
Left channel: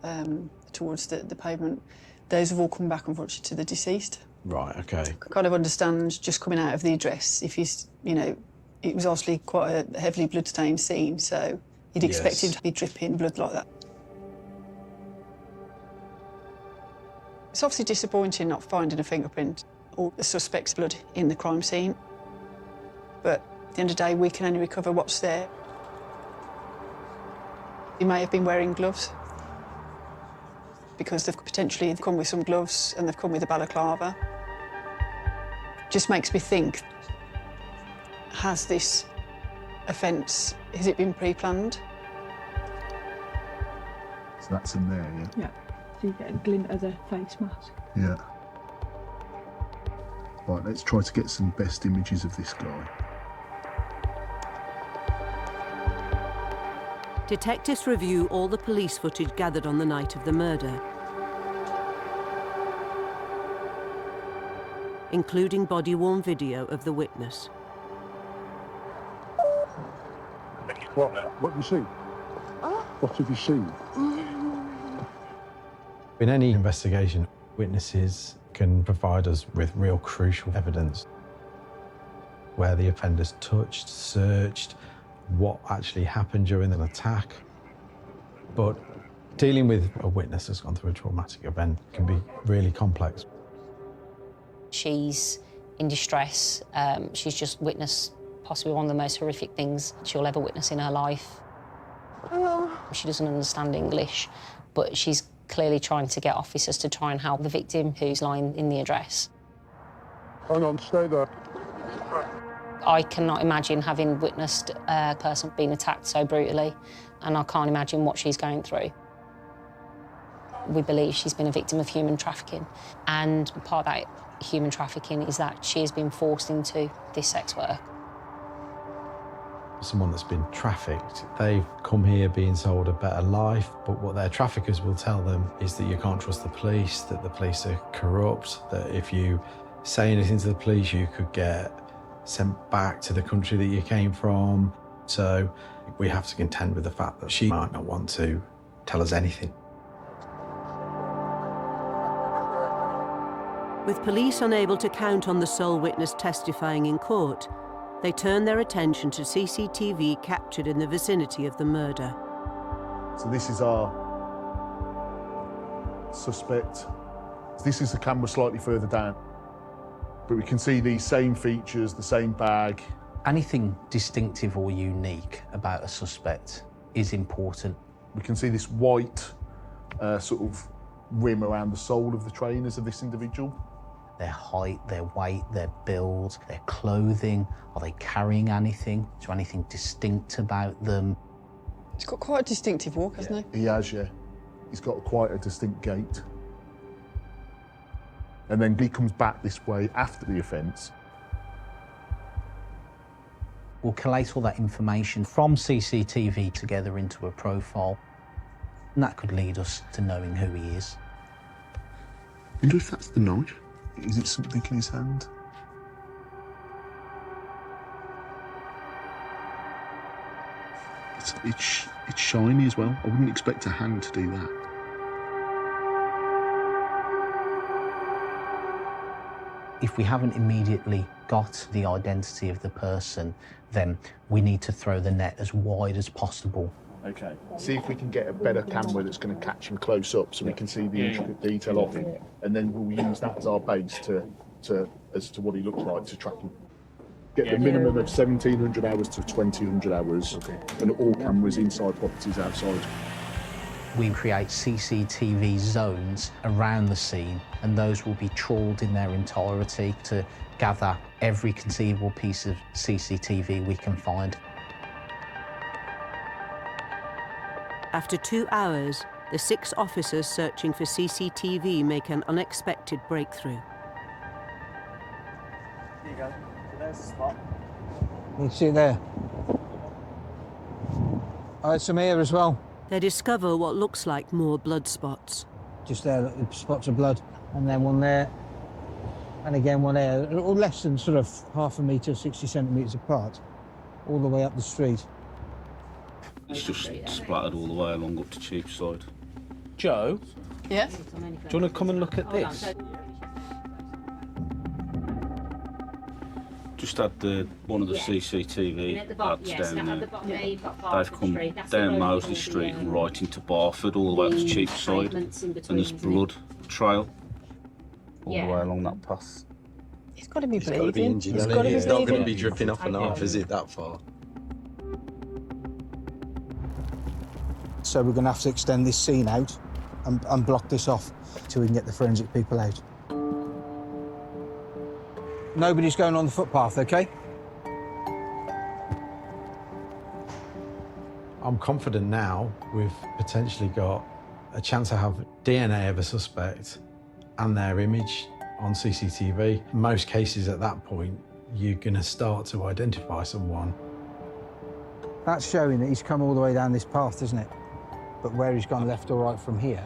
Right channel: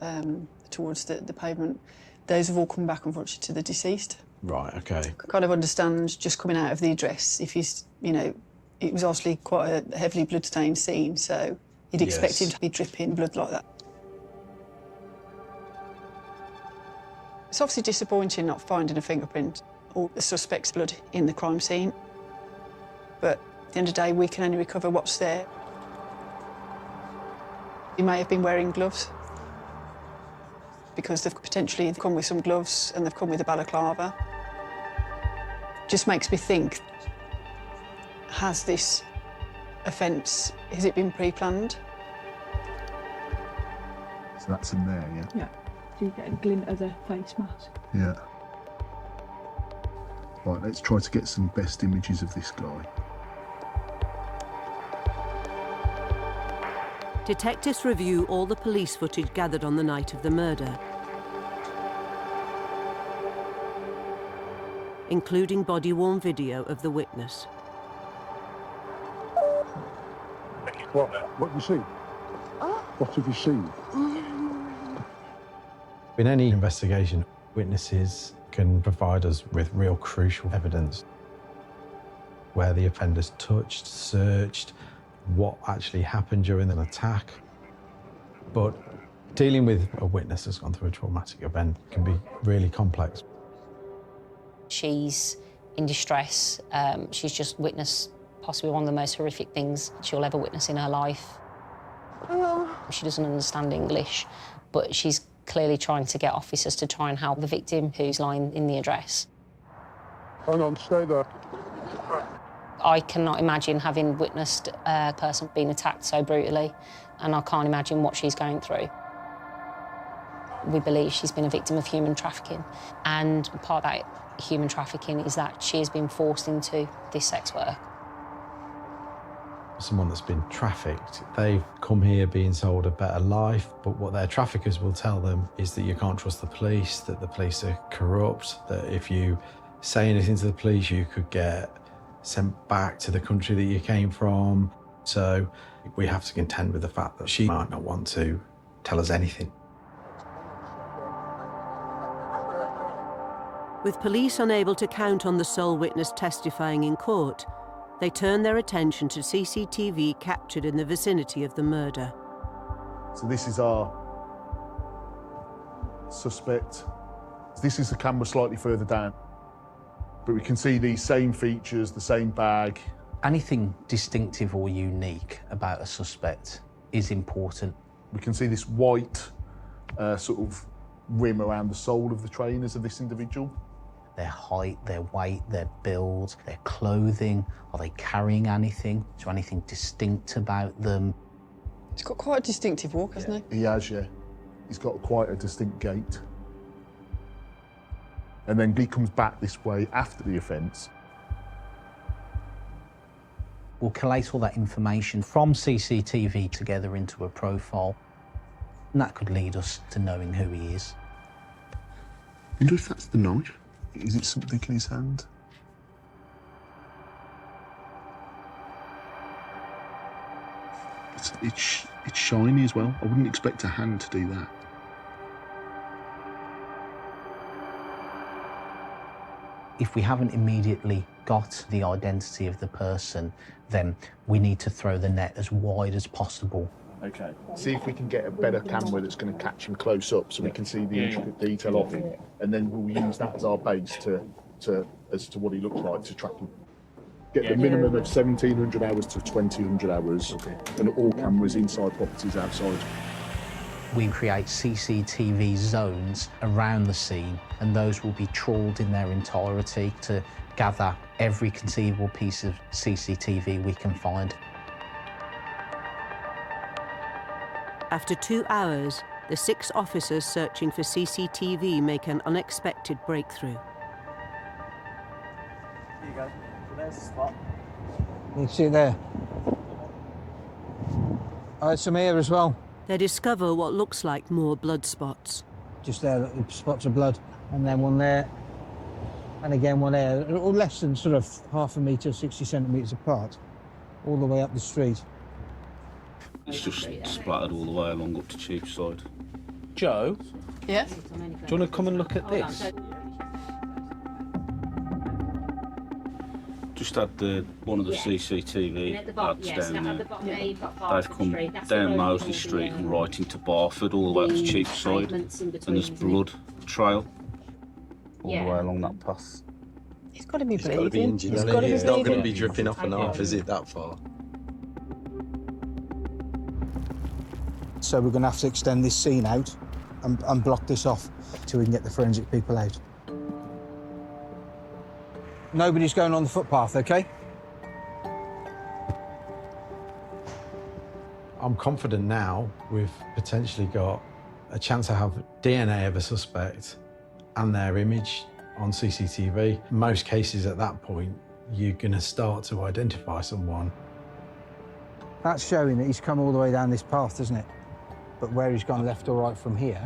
towards the pavement. Those have all come back, unfortunately, to the deceased. Right, okay. I kind of understand just coming out of the address, if he's, you know, it was obviously quite a heavily blood-stained scene, so you'd expect him to be dripping blood like that. It's obviously disappointing not finding a fingerprint or the suspect's blood in the crime scene, but at the end of the day, we can only recover what's there. He may have been wearing gloves because they've potentially come with some gloves and they've come with a balaclava. Just makes me think, has this offence, has it been pre-planned? So that's in there, yeah? Yeah. So you get a glint of the face mask. Yeah. Right, let's try to get some best images of this guy. Detectives review all the police footage gathered on the night of the murder, including body-worn video of the witness. What have you seen? What have you seen? In any investigation, witnesses can provide us with real crucial evidence. Where the offenders touched, searched, what actually happened during an attack. But dealing with a witness that's gone through a traumatic event can be really complex. She's in distress. She's just witnessed possibly one of the most horrific things she'll ever witness in her life. She doesn't understand English, but she's clearly trying to get officers to try and help the victim who's lying in the address. Hold on, stay there. I cannot imagine having witnessed a person being attacked so brutally, and I can't imagine what she's going through. We believe she's been a victim of human trafficking, and part of that human trafficking is that she has been forced into this sex work. Someone that's been trafficked, they've come here being sold a better life, but what their traffickers will tell them is that you can't trust the police, that the police are corrupt, that if you say anything to the police, you could get sent back to the country that you came from. So we have to contend with the fact that she might not want to tell us anything. With police unable to count on the sole witness testifying in court, they turn their attention to CCTV captured in the vicinity of the murder. So this is our suspect. This is the camera slightly further down. But we can see these same features, the same bag. Anything distinctive or unique about a suspect is important. We can see this white sort of rim around the sole of the trainers of this individual. Their height, their weight, their build, their clothing. Are they carrying anything? Is there anything distinct about them? He's got quite a distinctive walk, hasn't he? He has, yeah. He's got quite a distinct gait. And then he comes back this way after the offence. We'll collate all that information from CCTV together into a profile, and that could lead us to knowing who he is. I wonder if that's the knife. Is it something in his hand? It's shiny as well. I wouldn't expect a hand to do that. If we haven't immediately got the identity of the person, then we need to throw the net as wide as possible. Okay. See if we can get a better camera that's going to catch him close up so we can see the intricate detail of him, and then we'll use that as our base as to what he looks like to track him. Get a minimum of 1,700 hours to 2,000 hours, and all cameras inside properties outside. We create CCTV zones around the scene, and those will be trawled in their entirety to gather every conceivable piece of CCTV we can find. After 2 hours, the 6 officers searching for CCTV make an unexpected breakthrough. There you go. There's the spot. You see there? Oh, there's some here as well. They discover what looks like more blood spots. Just there, look, spots of blood. One there, and again one there. They're all less than sort of half a metre, 60 centimetres apart, all the way up the street. It's just splattered all the way along up to Cheapside. Joe? Yes? Do you want to come and look at this? Just had one of the CCTV lads down there. They've come down Moseley Street and right into Barford, all the way to Cheapside, and there's blood trail all the way along that path. He's got to be He's got to be bleeding. injured, He's hasn't got to he? be It's not going to bleeding. be dripping off and off, is it, that far? So we're going to have to extend this scene out and block this off so we can get the forensic people out. Nobody's going on the footpath, okay? I'm confident now we've potentially got a chance to have DNA of a suspect and their image on CCTV. In most cases at that point, you're going to start to identify someone. That's showing that he's come all the way down this path, isn't it? But where he's gone left or right from here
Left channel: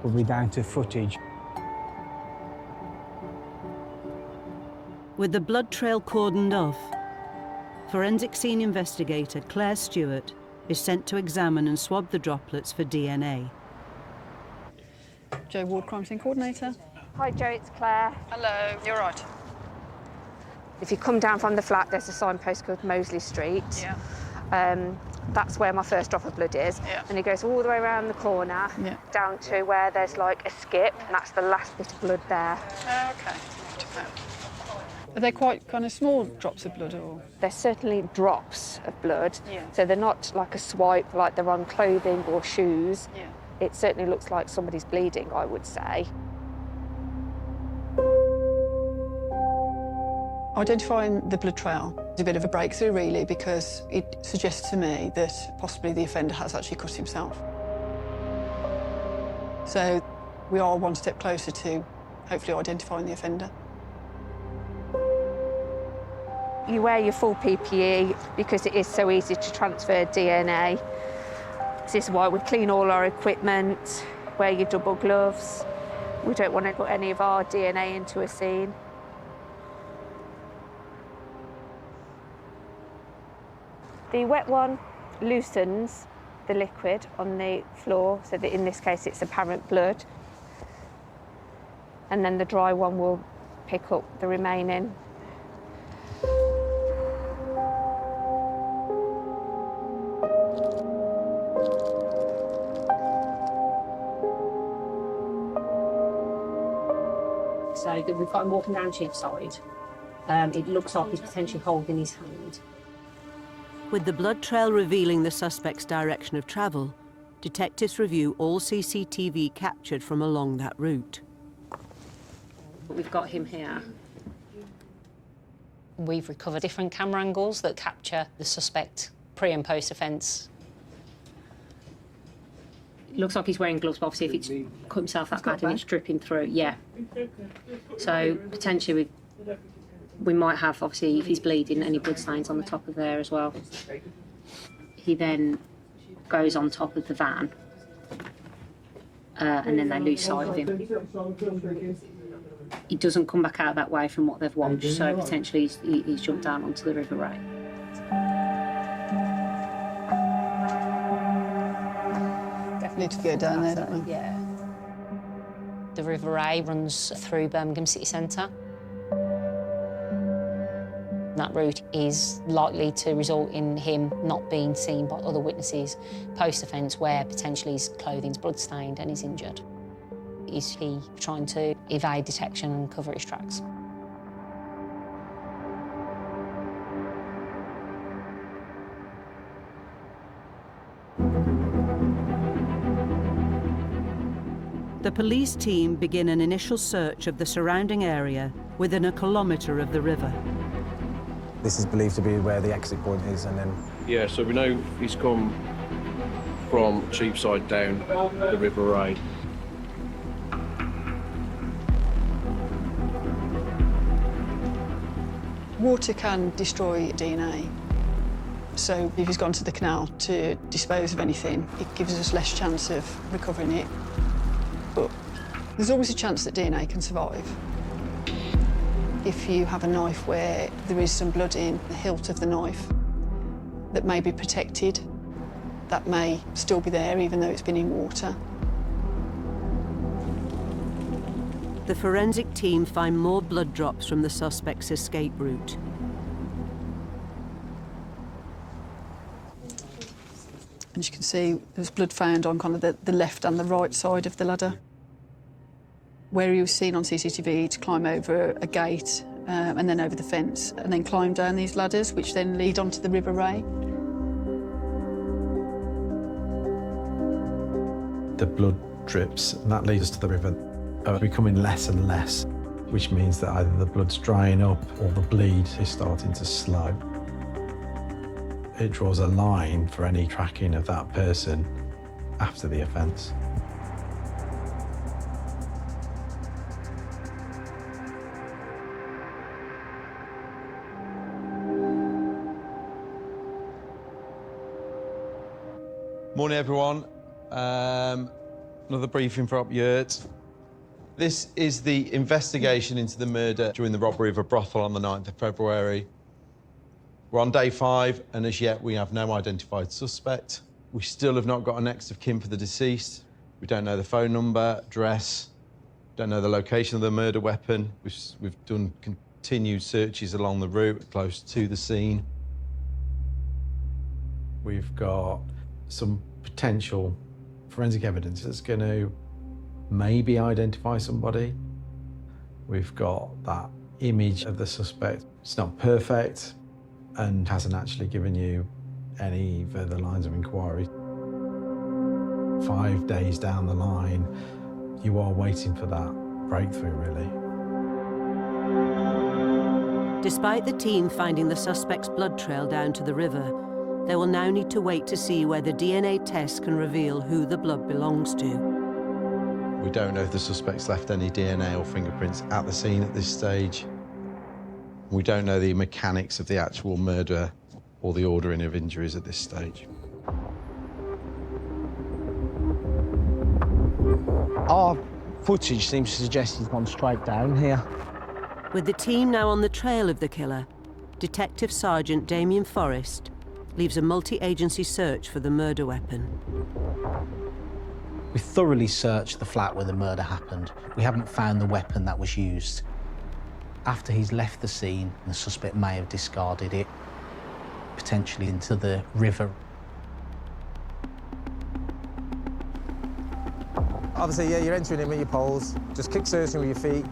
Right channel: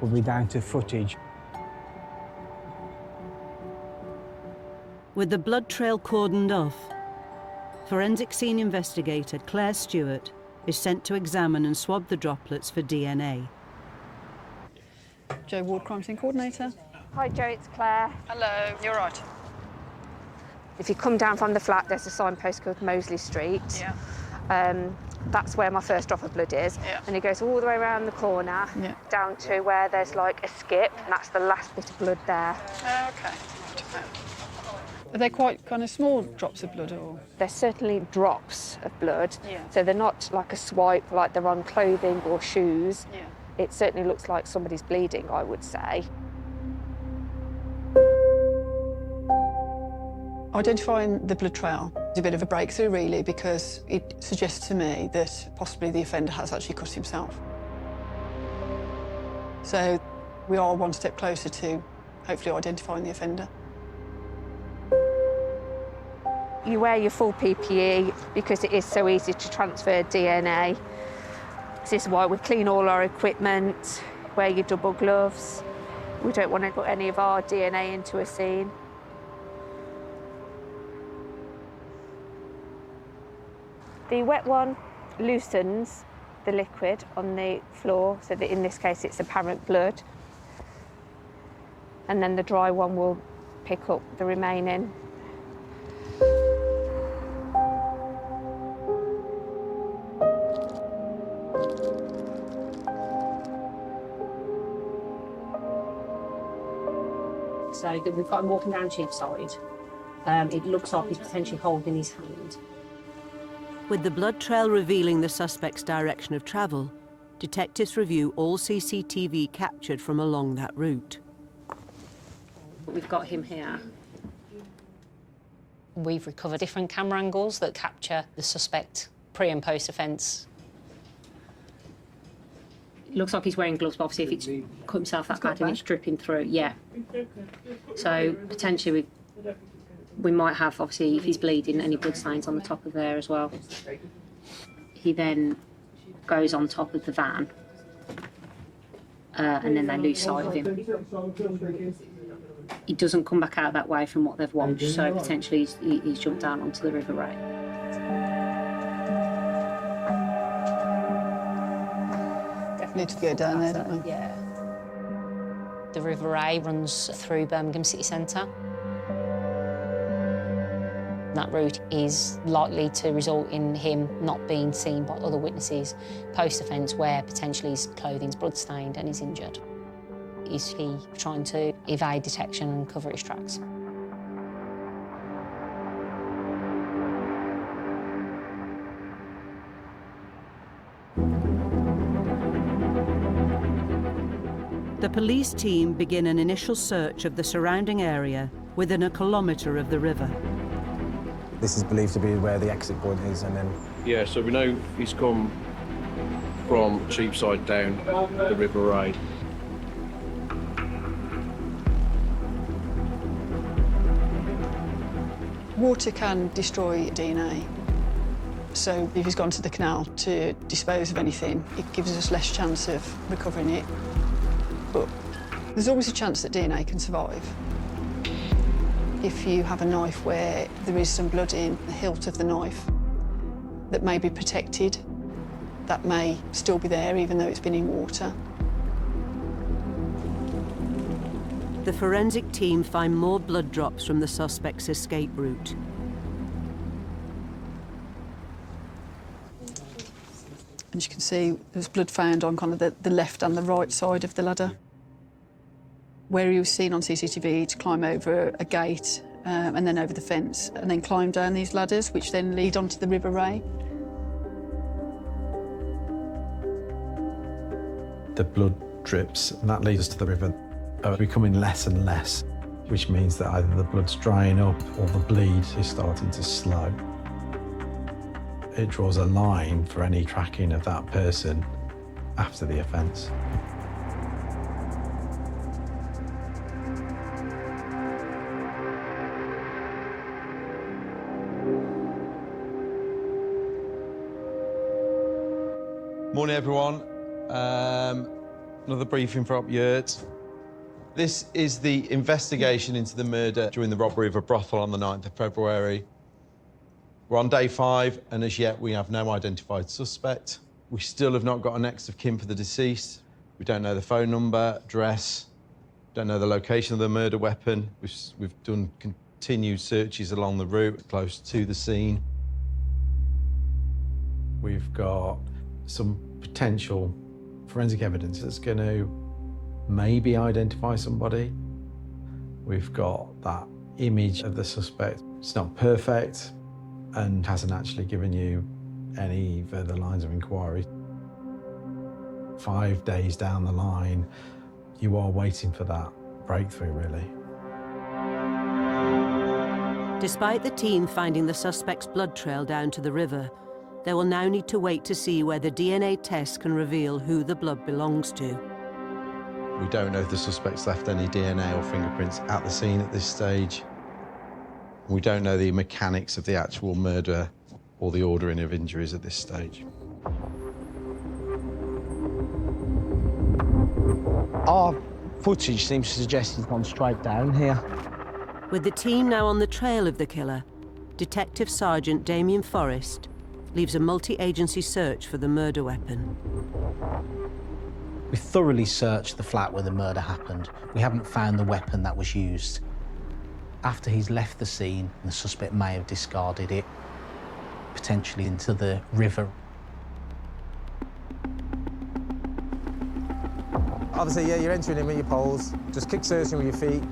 will be down to footage. With the blood trail cordoned off, forensic scene investigator Claire Stewart is sent to examine and swab the droplets for DNA. Joe Ward, crime scene coordinator. Hi Joe, it's Claire. Hello, you're right. If you come down from the flat, there's a signpost called Moseley Street. Yeah. That's where my first drop of blood is. Yeah. And it goes all the way around the corner, down to where there's like a skip, and that's the last bit of blood there. Okay. Are they quite kind of small drops of blood, or? They're certainly drops of blood, so they're not like a swipe like they're on clothing or shoes. It certainly looks like somebody's bleeding, I would say. Identifying the blood trail is a bit of a breakthrough, really, because it suggests to me that possibly the offender has actually cut himself. So we are one step closer to hopefully identifying the offender. You wear your full PPE because it is so easy to transfer DNA. This is why we clean all our equipment, wear your double gloves. We don't want to put any of our DNA into a scene. The wet one loosens the liquid on the floor, so that in this case it's apparent blood. And then the dry one will pick up the remaining. So that we've got him walking down Cheapside. It looks like he's potentially holding his hand. With the blood trail revealing the suspect's direction of travel, detectives review all CCTV captured from along that route. We've got him here. We've recovered different camera angles that capture the suspect pre and post offence. Looks like he's wearing gloves, but obviously if it's cut himself that badly, it's dripping through, yeah. So potentially we might have, obviously, if he's bleeding, any blood stains on the top of there as well. He then goes on top of the van, and then they lose sight of him. He doesn't come back out that way from what they've watched, so potentially he's jumped down onto the River Ray. Need to go down there, don't we? Yeah. The River Ray runs through Birmingham city centre. That route is likely to result in him not being seen by other witnesses post-offence, where potentially his clothing's blood-stained and he's injured. Is he trying to evade detection and cover his tracks? The police team begin an initial search of the surrounding area within a kilometre of the river. This is believed to be where the exit point is, and then... Yeah, so we know he's come from Cheapside down the River Ray. Water can destroy DNA. So if he's gone to the canal to dispose of anything, it gives us less chance of recovering it. But there's always a chance that DNA can survive. If you have a knife where there is some blood in the hilt of the knife that may be protected, that may still be there even though it's been in water. The forensic team find more blood drops from the suspect's escape route. As you can see, there's blood found on kind of the left and the right side of the ladder. Where he was seen on CCTV to climb over a gate and then over the fence and then climb down these ladders, which then lead onto the River Ray. The blood drips, and that leads us to the river, are becoming less and less, which means that either the blood's drying up or the bleed is starting to slow. It draws a line for any tracking of that person after the offence. Morning everyone, another briefing for Up Yurt. This is the investigation into the murder during the robbery of a brothel on the 9th of February. We're on day 5 and as yet we have no identified suspect. We still have not got a next of kin for the deceased. We don't know the phone number, address, don't know the location of the murder weapon. We've done continued searches along the route close to the scene. We've got some potential forensic evidence that's going to maybe identify somebody. We've got that image of the suspect. It's not perfect and hasn't actually given you any further lines of inquiry. 5 days down the line, you are waiting for that breakthrough, really. Despite the team finding the suspect's blood trail down to the river, they will now need to wait to see whether DNA tests can reveal who the blood belongs to. We don't know if the suspect's left any DNA or fingerprints at the scene at this stage. We don't know the mechanics of the actual murder or the ordering of injuries at this stage. Our footage seems to suggest he's gone straight down here. With the team now on the trail of the killer, Detective Sergeant Damien Forrest leaves a multi-agency search for the murder weapon. We thoroughly searched the flat where the murder happened. We haven't found the weapon that was used. After he's left the scene, the suspect may have discarded it, potentially into the river. Obviously, yeah, you're entering him in your poles. Just keep searching with your feet,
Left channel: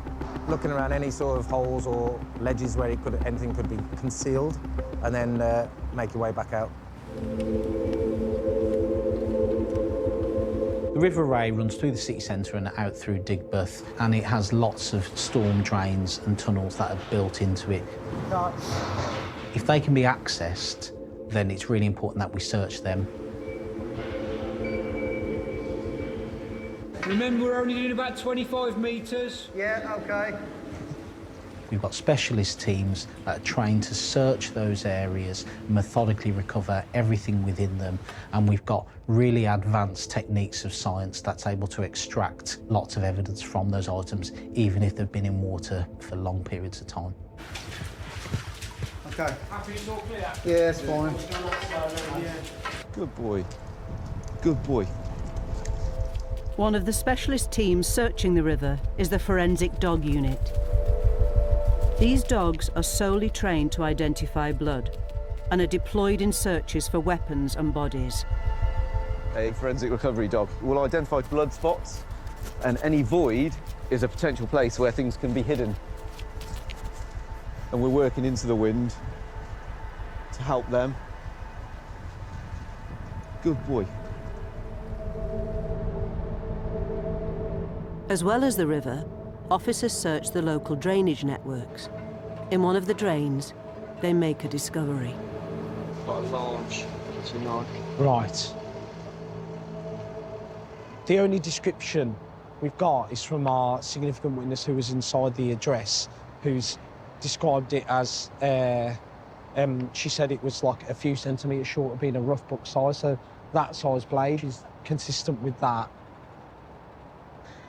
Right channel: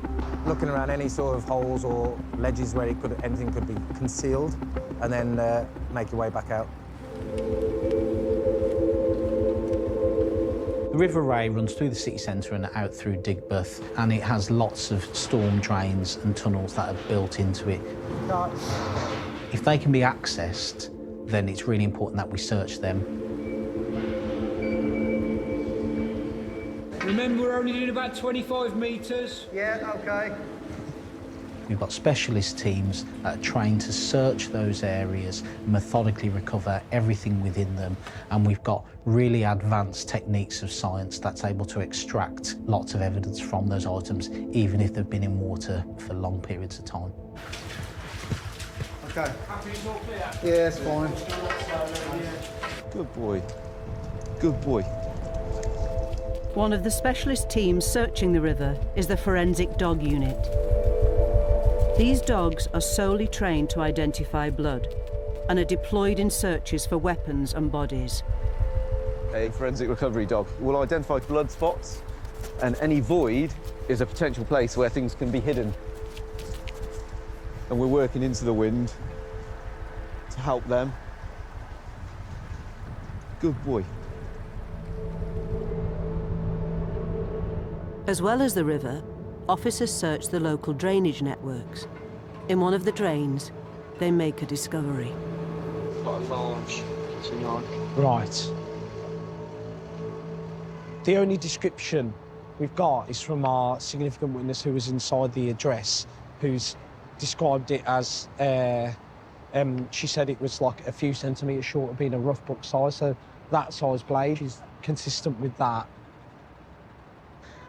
looking around any sort of holes or ledges where anything could be concealed, and then make your way back out. The River Ray runs through the city centre and out through Digbeth, and it has lots of storm drains and tunnels that are built into it. If they can be accessed, then it's really important that we search them. Remember, we're only in about 25 metres. Yeah, okay. We've got specialist teams that are trained to search those areas, methodically recover everything within them, and we've got really advanced techniques of science that's able to extract lots of evidence from those items, even if they've been in water for long periods of time. Okay. Yeah, it's fine. Good boy. Good boy. One of the specialist teams searching the river is the Forensic Dog Unit. These dogs are solely trained to identify blood and are deployed in searches for weapons and bodies. A forensic recovery dog will identify blood spots, and any void is a potential place where things can be hidden. And we're working into the wind to help them. Good boy. As well as the river, officers search the local drainage networks. In one of the drains, they make a discovery. Right. The only description we've got is from our significant witness who was inside the address, who's described it as, she said it was like a few centimetres short of being a rough book size, so that size blade is consistent with that.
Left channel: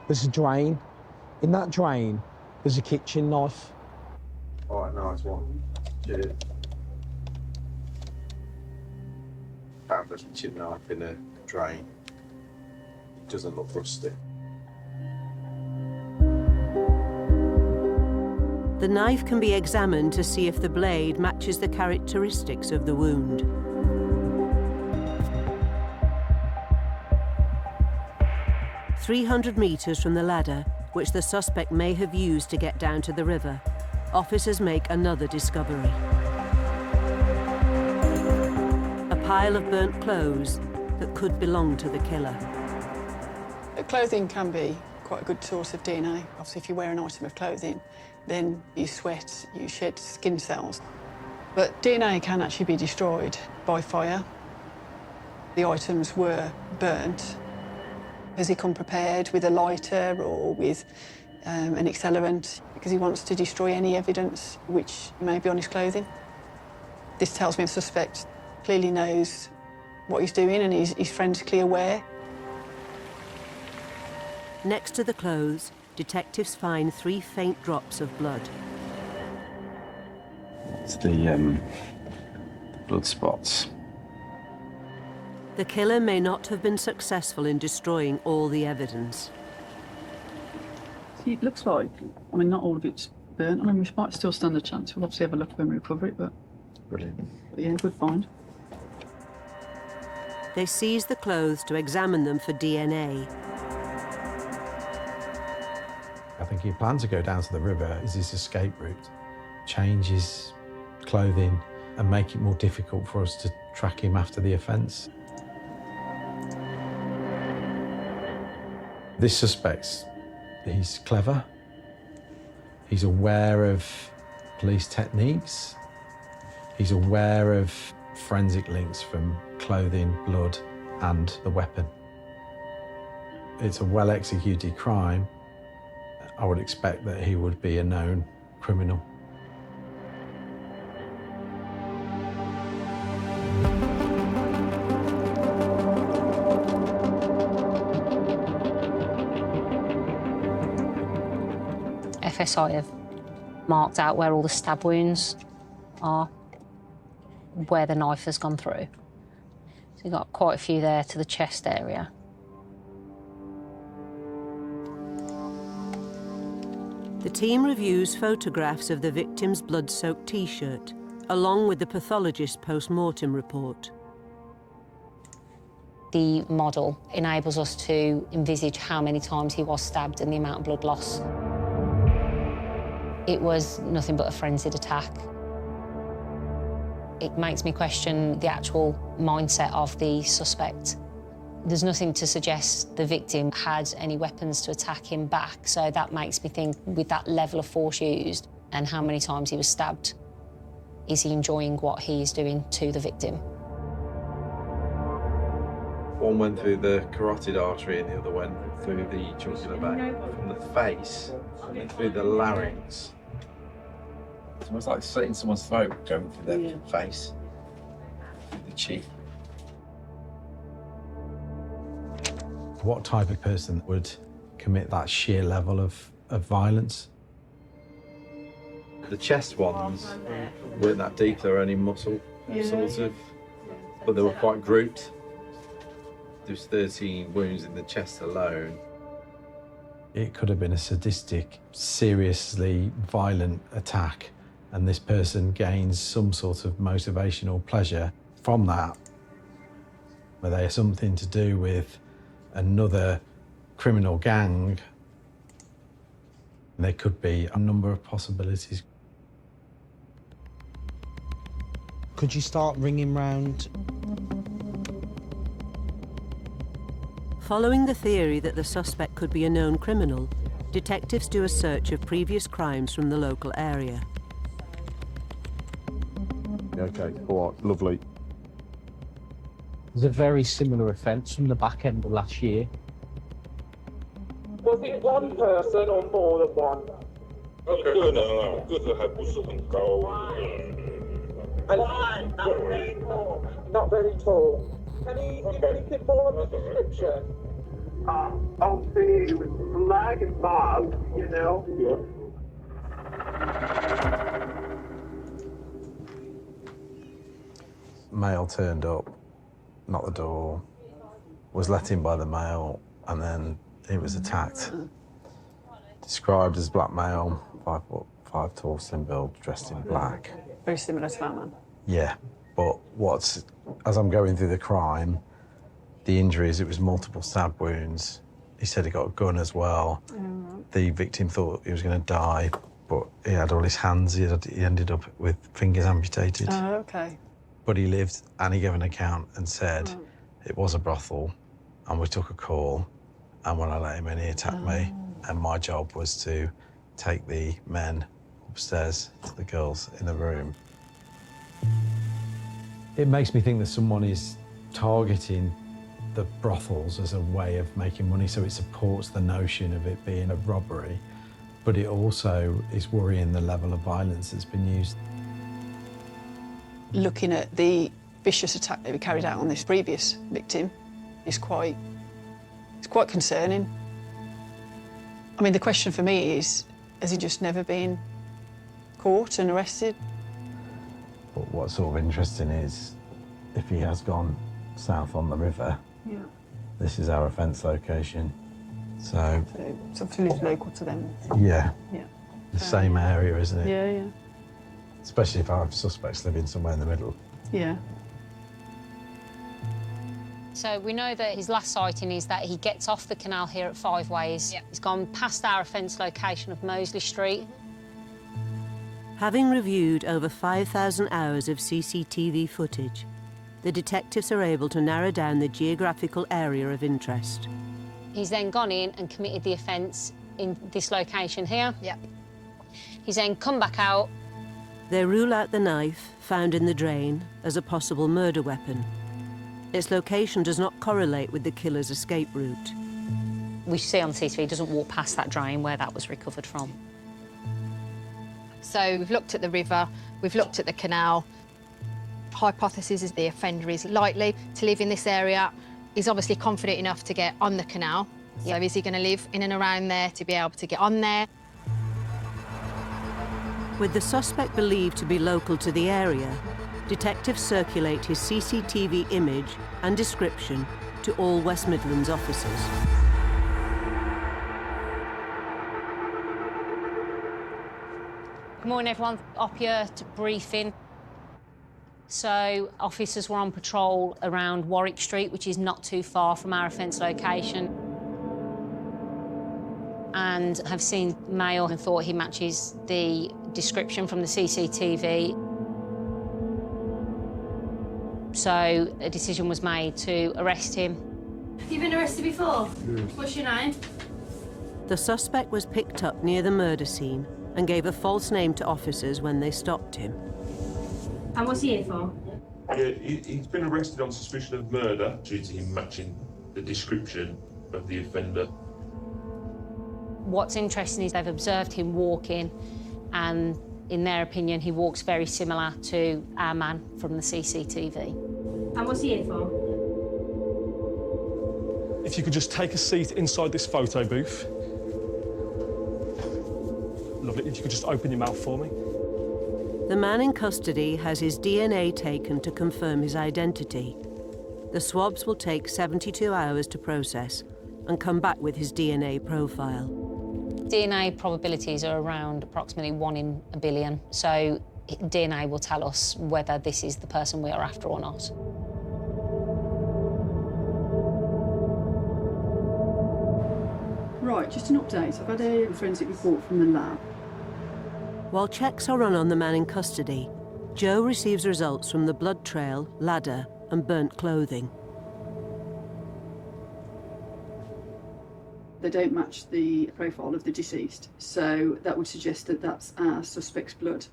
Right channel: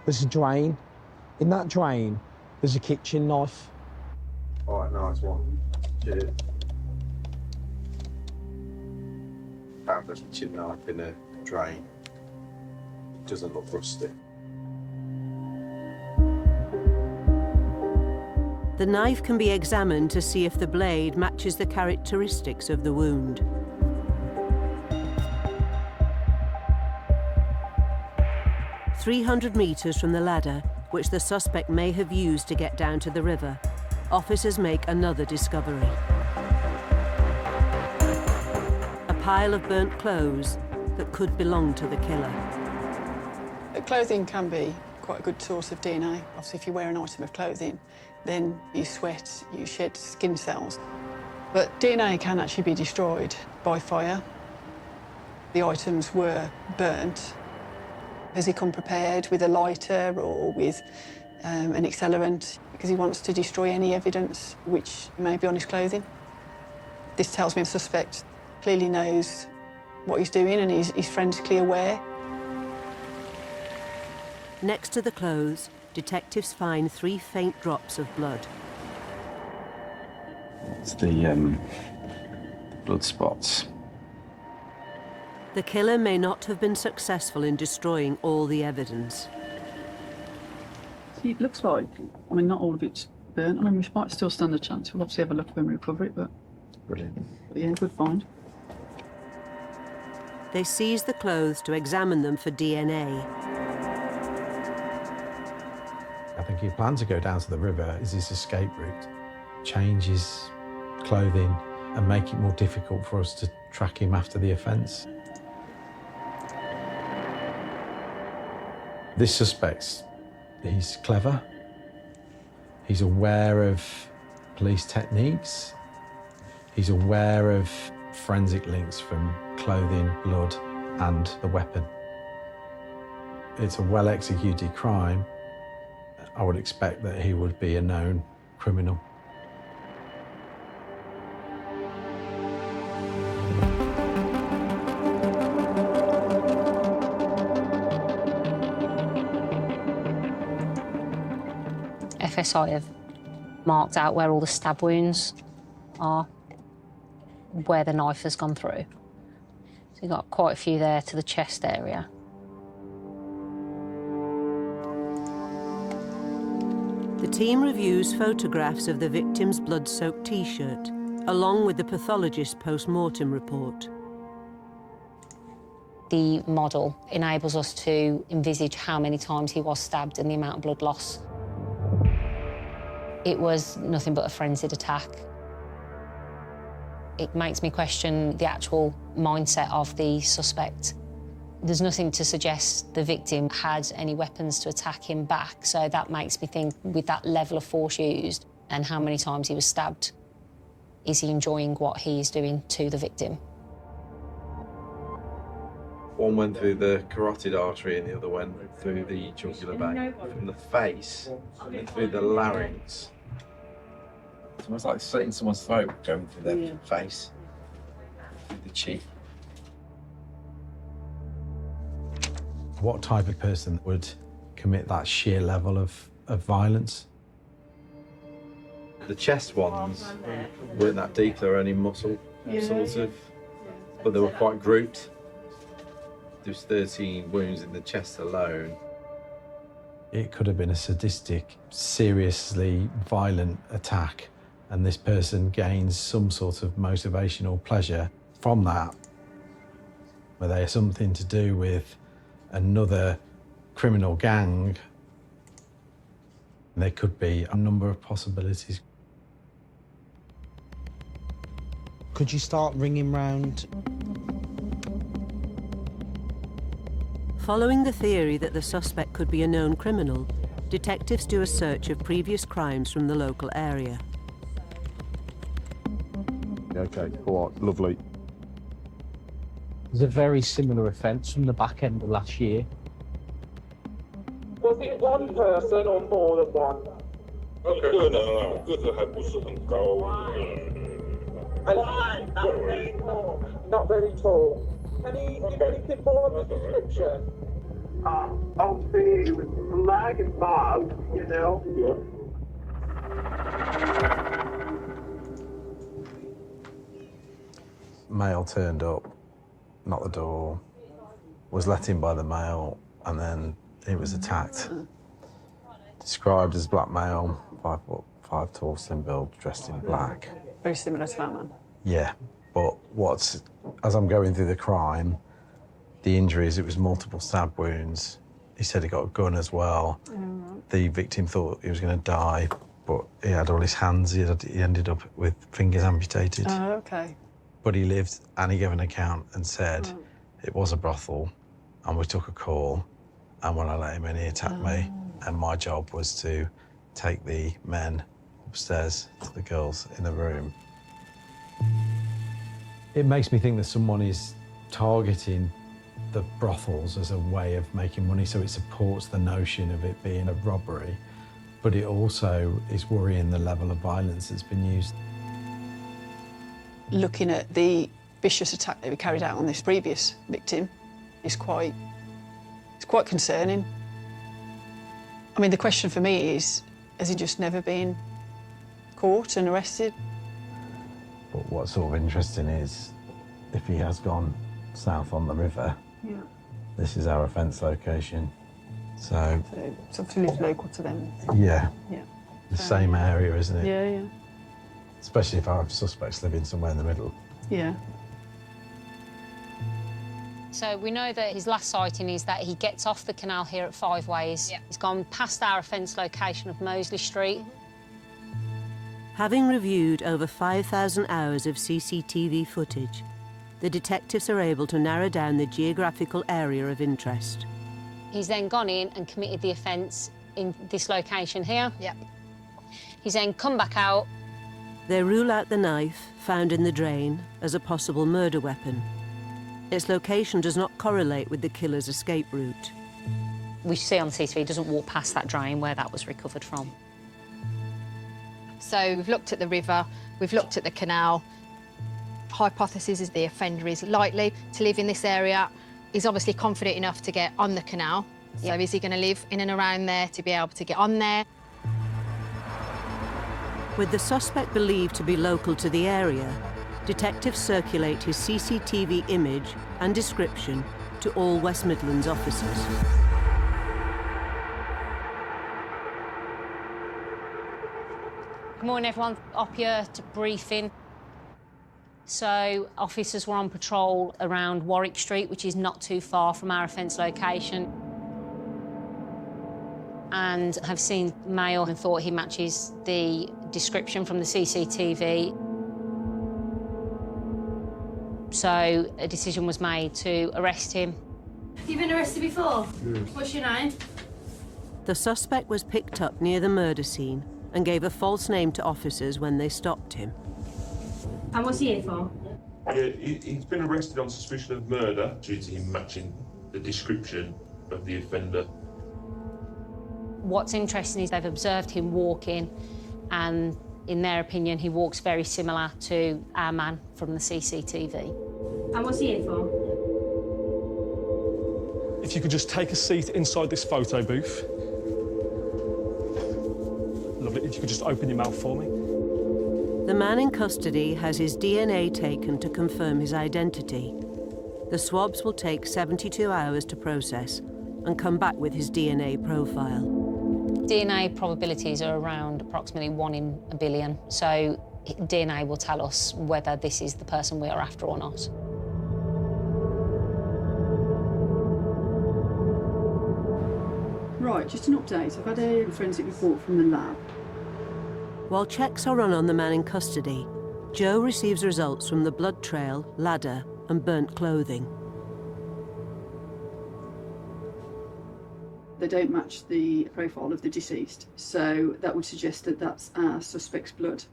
There's a drain. In that drain, there's a kitchen knife. All right, nice one. Yeah. Found a kitchen knife in a drain. It doesn't look rusty. The knife can be examined to see if the blade matches the characteristics of the wound. "300 metres from the ladder, which the suspect may have used to get down to the river, officers make another discovery. A pile of burnt clothes that could belong to the killer. Clothing can be quite a good source of DNA. Obviously, if you wear an item of clothing, then you sweat, you shed skin cells. But DNA can actually be destroyed by fire. The items were burnt. Has he come prepared with a lighter or with an accelerant because he wants to destroy any evidence which may be on his clothing? This tells me the suspect clearly knows what he's doing and he's frantically aware. Next to the clothes, detectives find 3 faint drops of blood. It's the blood spots. The killer may not have been successful in destroying all the evidence. See, it looks like, I mean, not all of it's burnt. I mean, we might still stand a chance. We'll obviously have a look when we recover it, but Brilliant. yeah, good find. They seize the clothes to examine them for DNA. I think he planned to go down to the river as his escape route, change his clothing and make it more difficult for us to track him after the offence. This suspect, he's clever, he's aware of police techniques, he's aware of forensic links from clothing, blood and the weapon. it's a well-executed crime, I would expect that he would be a known criminal. FSI have marked out where all the stab wounds are, where the knife has gone through. So you've got quite a few there to the chest area. The team reviews photographs of the victim's blood-soaked T-shirt, along with the pathologist's post-mortem report. The model enables us to envisage how many times he was stabbed and the amount of blood loss. It was nothing but a frenzied attack. It makes me question the actual mindset of the suspect. There's nothing to suggest the victim had any weapons to attack him back, so that makes me think, with that level of force used and how many times he was stabbed, is he enjoying what he is doing to the victim? One went through the carotid artery and the other went through the jugular vein, from the face and through the larynx. It's almost like slitting someone's throat going through their face, through the cheek. What type of person would commit that sheer level of violence? The chest ones weren't that deep, they were only muscle, sort of, but they were quite grouped. There's 13 wounds in the chest alone. It could have been a sadistic, seriously violent attack, and this person gains some sort of motivational pleasure from that. Whether there's something to do with another criminal gang, there could be a number of possibilities. Could you start ringing round? Following the theory that the suspect could be a known criminal, detectives do a search of previous crimes from the local area. Okay, all right, lovely. There's a very similar offence from the back end of last year. Was it one person or more than one? Okay, 这个还不是很高。Why? Not very tall. Not very tall. Anything more of a description? I'll say he was lag and bob, you know? Male turned up, knocked the door, was let in by the male, and then he was attacked. Described as black male, 5'5" tall, thin build, dressed in black. Very similar to that man. Yeah, but as I'm going through the crime, the injuries, it was multiple stab wounds. He said he got a gun as well. The victim thought he was going to die, but he had all his hands, he ended up with fingers amputated. Oh, okay. But he lived, and he gave an account and said it was a brothel, and we took a call, and when I let him in, he attacked me, and my job was to take the men upstairs to the girls in a room. It makes me think that someone is targeting the brothels as a way of making money, so it supports the notion of it being a robbery, but it also is worrying the level of violence that's been used. Looking at the vicious attack that we carried out on this previous victim is quite concerning. I mean, the question for me is, has he just never been caught and arrested? But what's sort of interesting is, if he has gone south on the river, this is our offence location. So something is local to them. Yeah. The same area, isn't it? Yeah. Especially if our suspects living somewhere in the middle. Yeah. So we know that his last sighting is that he gets off the canal here at Five Ways. He's gone past our offence location of Moseley Street. Having reviewed over 5,000 hours of CCTV footage, the detectives are able to narrow down the geographical area of interest. He's then gone in and committed the offence in this location here. He's then come back out. They rule out the knife found in the drain as a possible murder weapon. Its location does not correlate with the killer's escape route. we see on the CCTV doesn't walk past that drain where that was recovered from. So we've looked at the river, we've looked at the canal. Hypothesis is the offender is likely to live in this area. He's obviously confident enough to get on the canal. So is he going to live in and around there to be able to get on there? With the suspect believed to be local to the area, detectives circulate his CCTV image and description to all West Midlands officers. Good morning everyone, up here to briefing. So officers were on patrol around Warwick Street, which is not too far from our offence location, and have seen male and thought he matches the description from the CCTV. So a decision was made to arrest him. Have you been arrested before? What's your name? The suspect was picked up near the murder scene and gave a false name to officers when they stopped him. And what's he here for? Yeah, he's been arrested on suspicion of murder due to him matching the description of the offender. What's interesting is they've observed him walking, and in their opinion, he walks very similar to our man from the CCTV. And what's he here for? If you could just take a seat inside this photo booth. Love it. If you could just open your mouth for me. The man in custody has his DNA taken to confirm his identity. The swabs will take 72 hours to process and come back with his DNA profile. DNA probabilities are around approximately 1 in a billion, so DNA will tell us whether this is the person we are after or not. Right, just an update. I've had a forensic report from the lab. While checks are run on the man in custody, Joe receives results from the blood trail, ladder, and burnt clothing. They don't match the profile of the deceased, so that would suggest that that's our suspect's blood.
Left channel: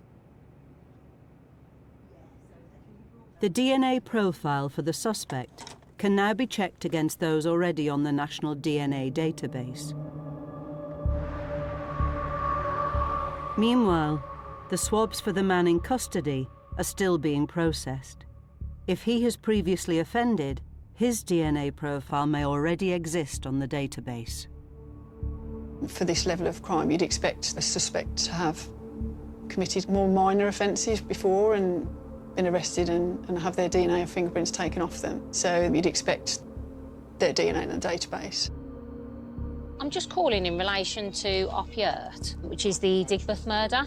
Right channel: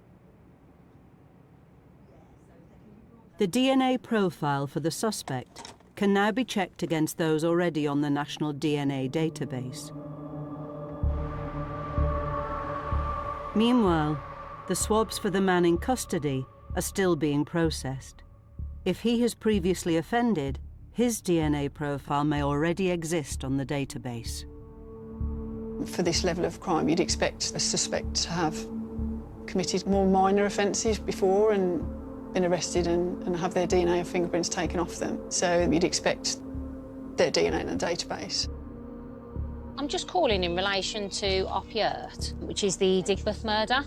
The DNA profile for the suspect can now be checked against those already on the National DNA database. Meanwhile, the swabs for the man in custody are still being processed. If he has previously offended, his DNA profile may already exist on the database. For this level of crime, you'd expect the suspect to have committed more minor offences before and been arrested and have their DNA and fingerprints taken off them. So you'd expect their DNA in the database. I'm just calling in relation to Opiate, which is the Digbeth murder.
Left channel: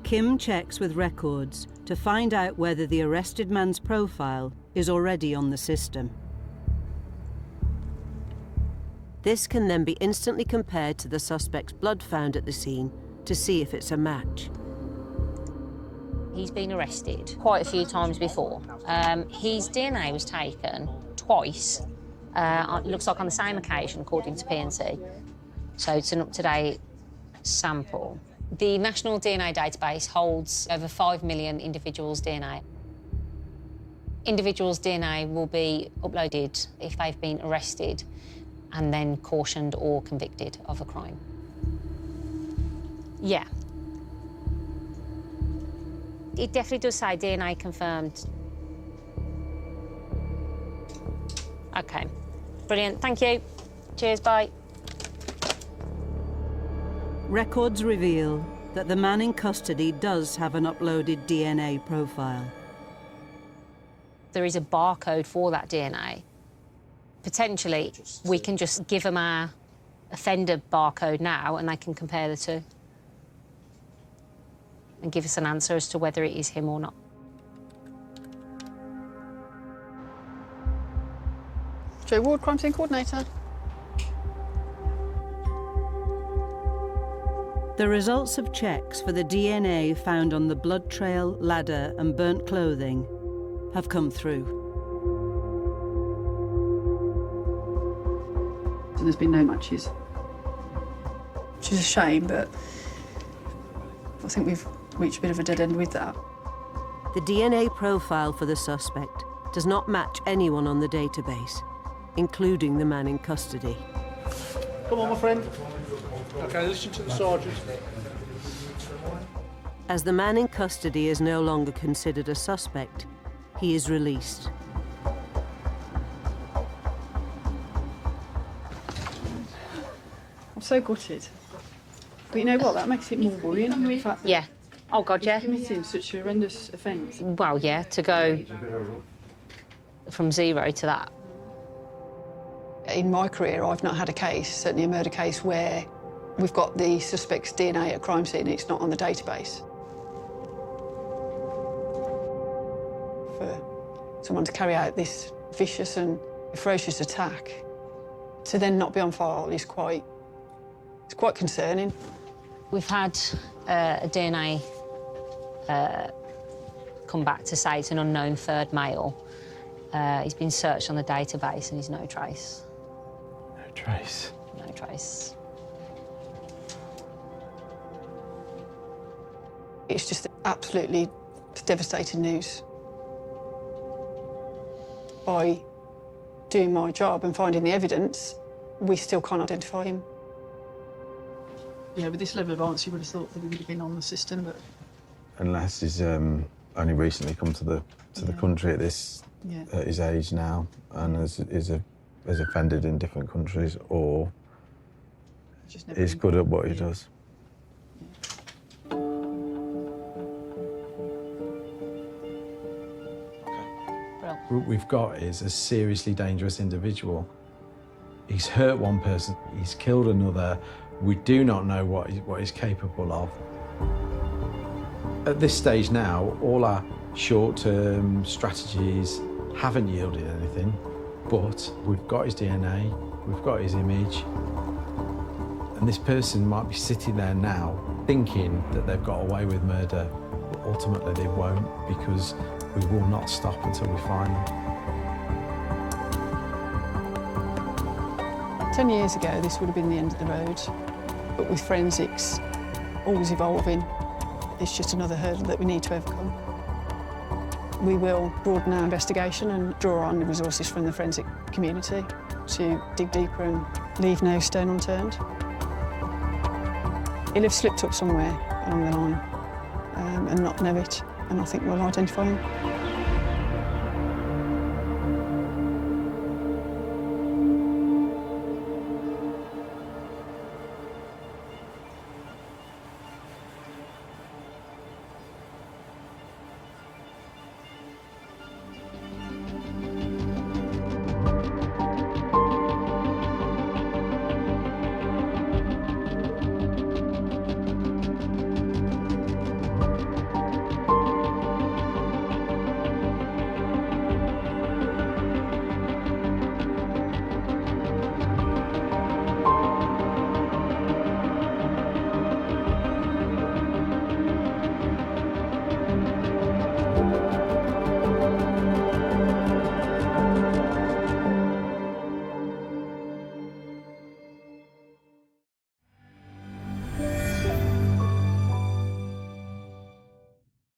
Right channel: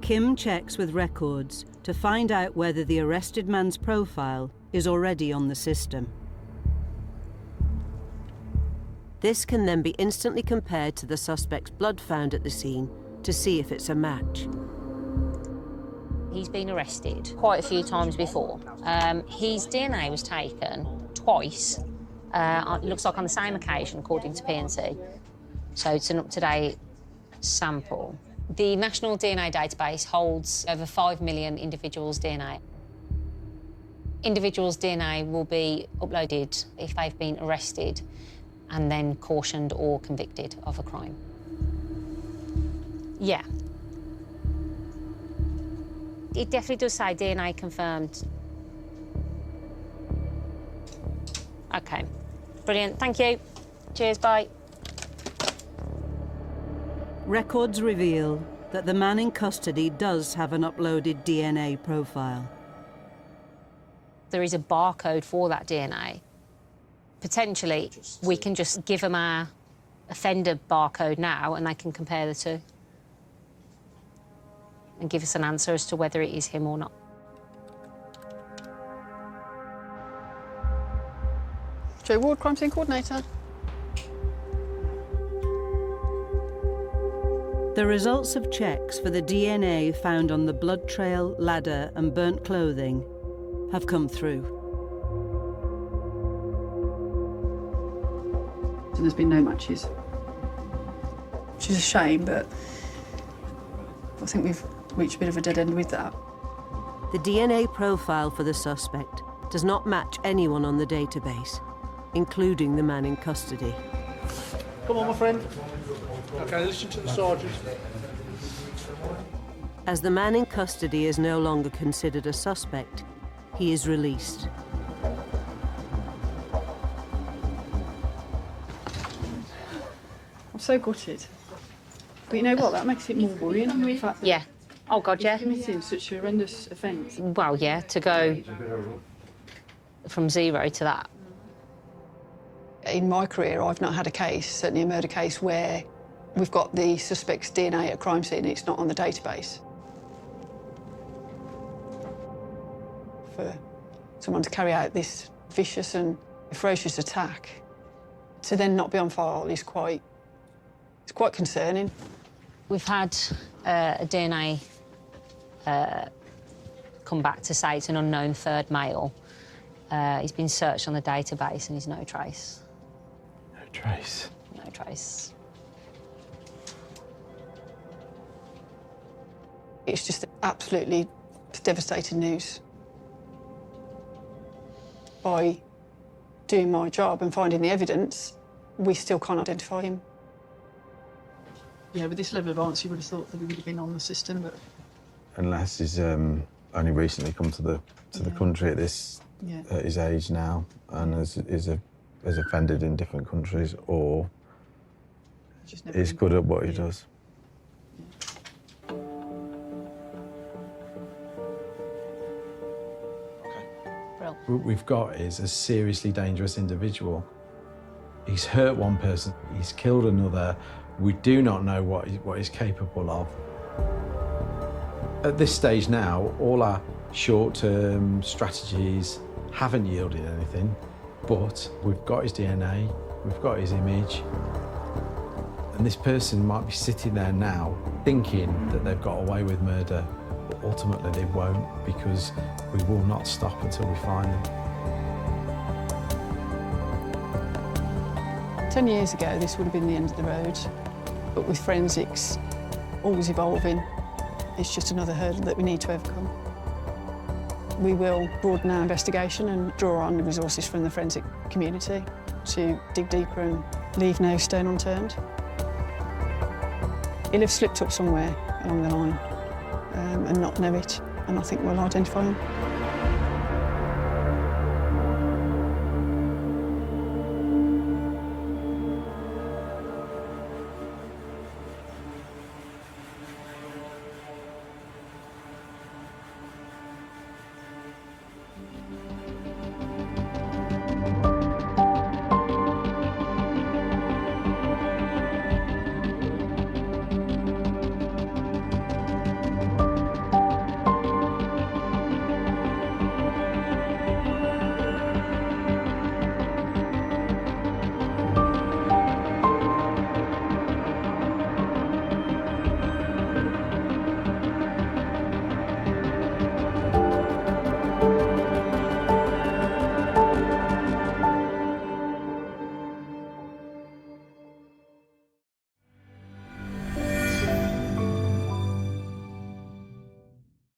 Kim checks with records to find out whether the arrested man's profile is already on the system. This can then be instantly compared to the suspect's blood found at the scene to see if it's a match. He's been arrested quite a few times before. His DNA was taken twice. Looks like on the same occasion, according to PNC. So it's an up-to-date sample. The National DNA Database holds over 5 million individuals' DNA. Individuals' DNA will be uploaded if they've been arrested and then cautioned or convicted of a crime. Yeah. It definitely does say DNA confirmed. Okay. Brilliant, thank you. Cheers, bye. Records reveal that the man in custody does have an uploaded DNA profile. There is a barcode for that DNA. Potentially, we can just give them our offender barcode now and they can compare the two and give us an answer as to whether it is him or not. Joe Ward, Crime Scene Coordinator. The results of checks for the DNA found on the blood trail, ladder, and burnt clothing have come through. So there's been no matches. Which is a shame, but I think we've reached a bit of a dead end with that. The DNA profile for the suspect does not match anyone on the database. including the man in custody. Come on, my friend. Okay, listen to the sergeant. As the man in custody is no longer considered a suspect, he is released. I'm so gutted. But you know what? That makes it more worrying. The fact that Yeah. Oh God, yeah. committing such a horrendous offence. Well, yeah, to go from 0 to that. In my career, I've not had a case, certainly a murder case, where we've got the suspect's DNA at a crime scene and it's not on the database. For someone to carry out this vicious and ferocious attack, to then not be on file is quite concerning. We've had a DNA come back to say it's an unknown third male. He's been searched on the database and he's no trace. No trace. No trace. It's just absolutely devastating news. By doing my job and finding the evidence, we still can't identify him. Yeah, with this level of answer, you would have thought that he would have been on the system, but Unless he's only recently come to the country at this at his age now, and has offended in different countries, or he's good at what he does. What we've got is a seriously dangerous individual. He's hurt one person, he's killed another. We do not know what he's capable of. At this stage now, all our short-term strategies haven't yielded anything, but we've got his DNA, we've got his image, and this person might be sitting there now thinking that they've got away with murder, but ultimately they won't, because we will not stop until we find them. 10 years ago, this would have been the end of the road, but with forensics always evolving, it's just another hurdle that we need to overcome. We will broaden our investigation and draw on the resources from the forensic community to dig deeper and leave no stone unturned. He'll have slipped up somewhere along the line and not know it, and I think we'll identify him.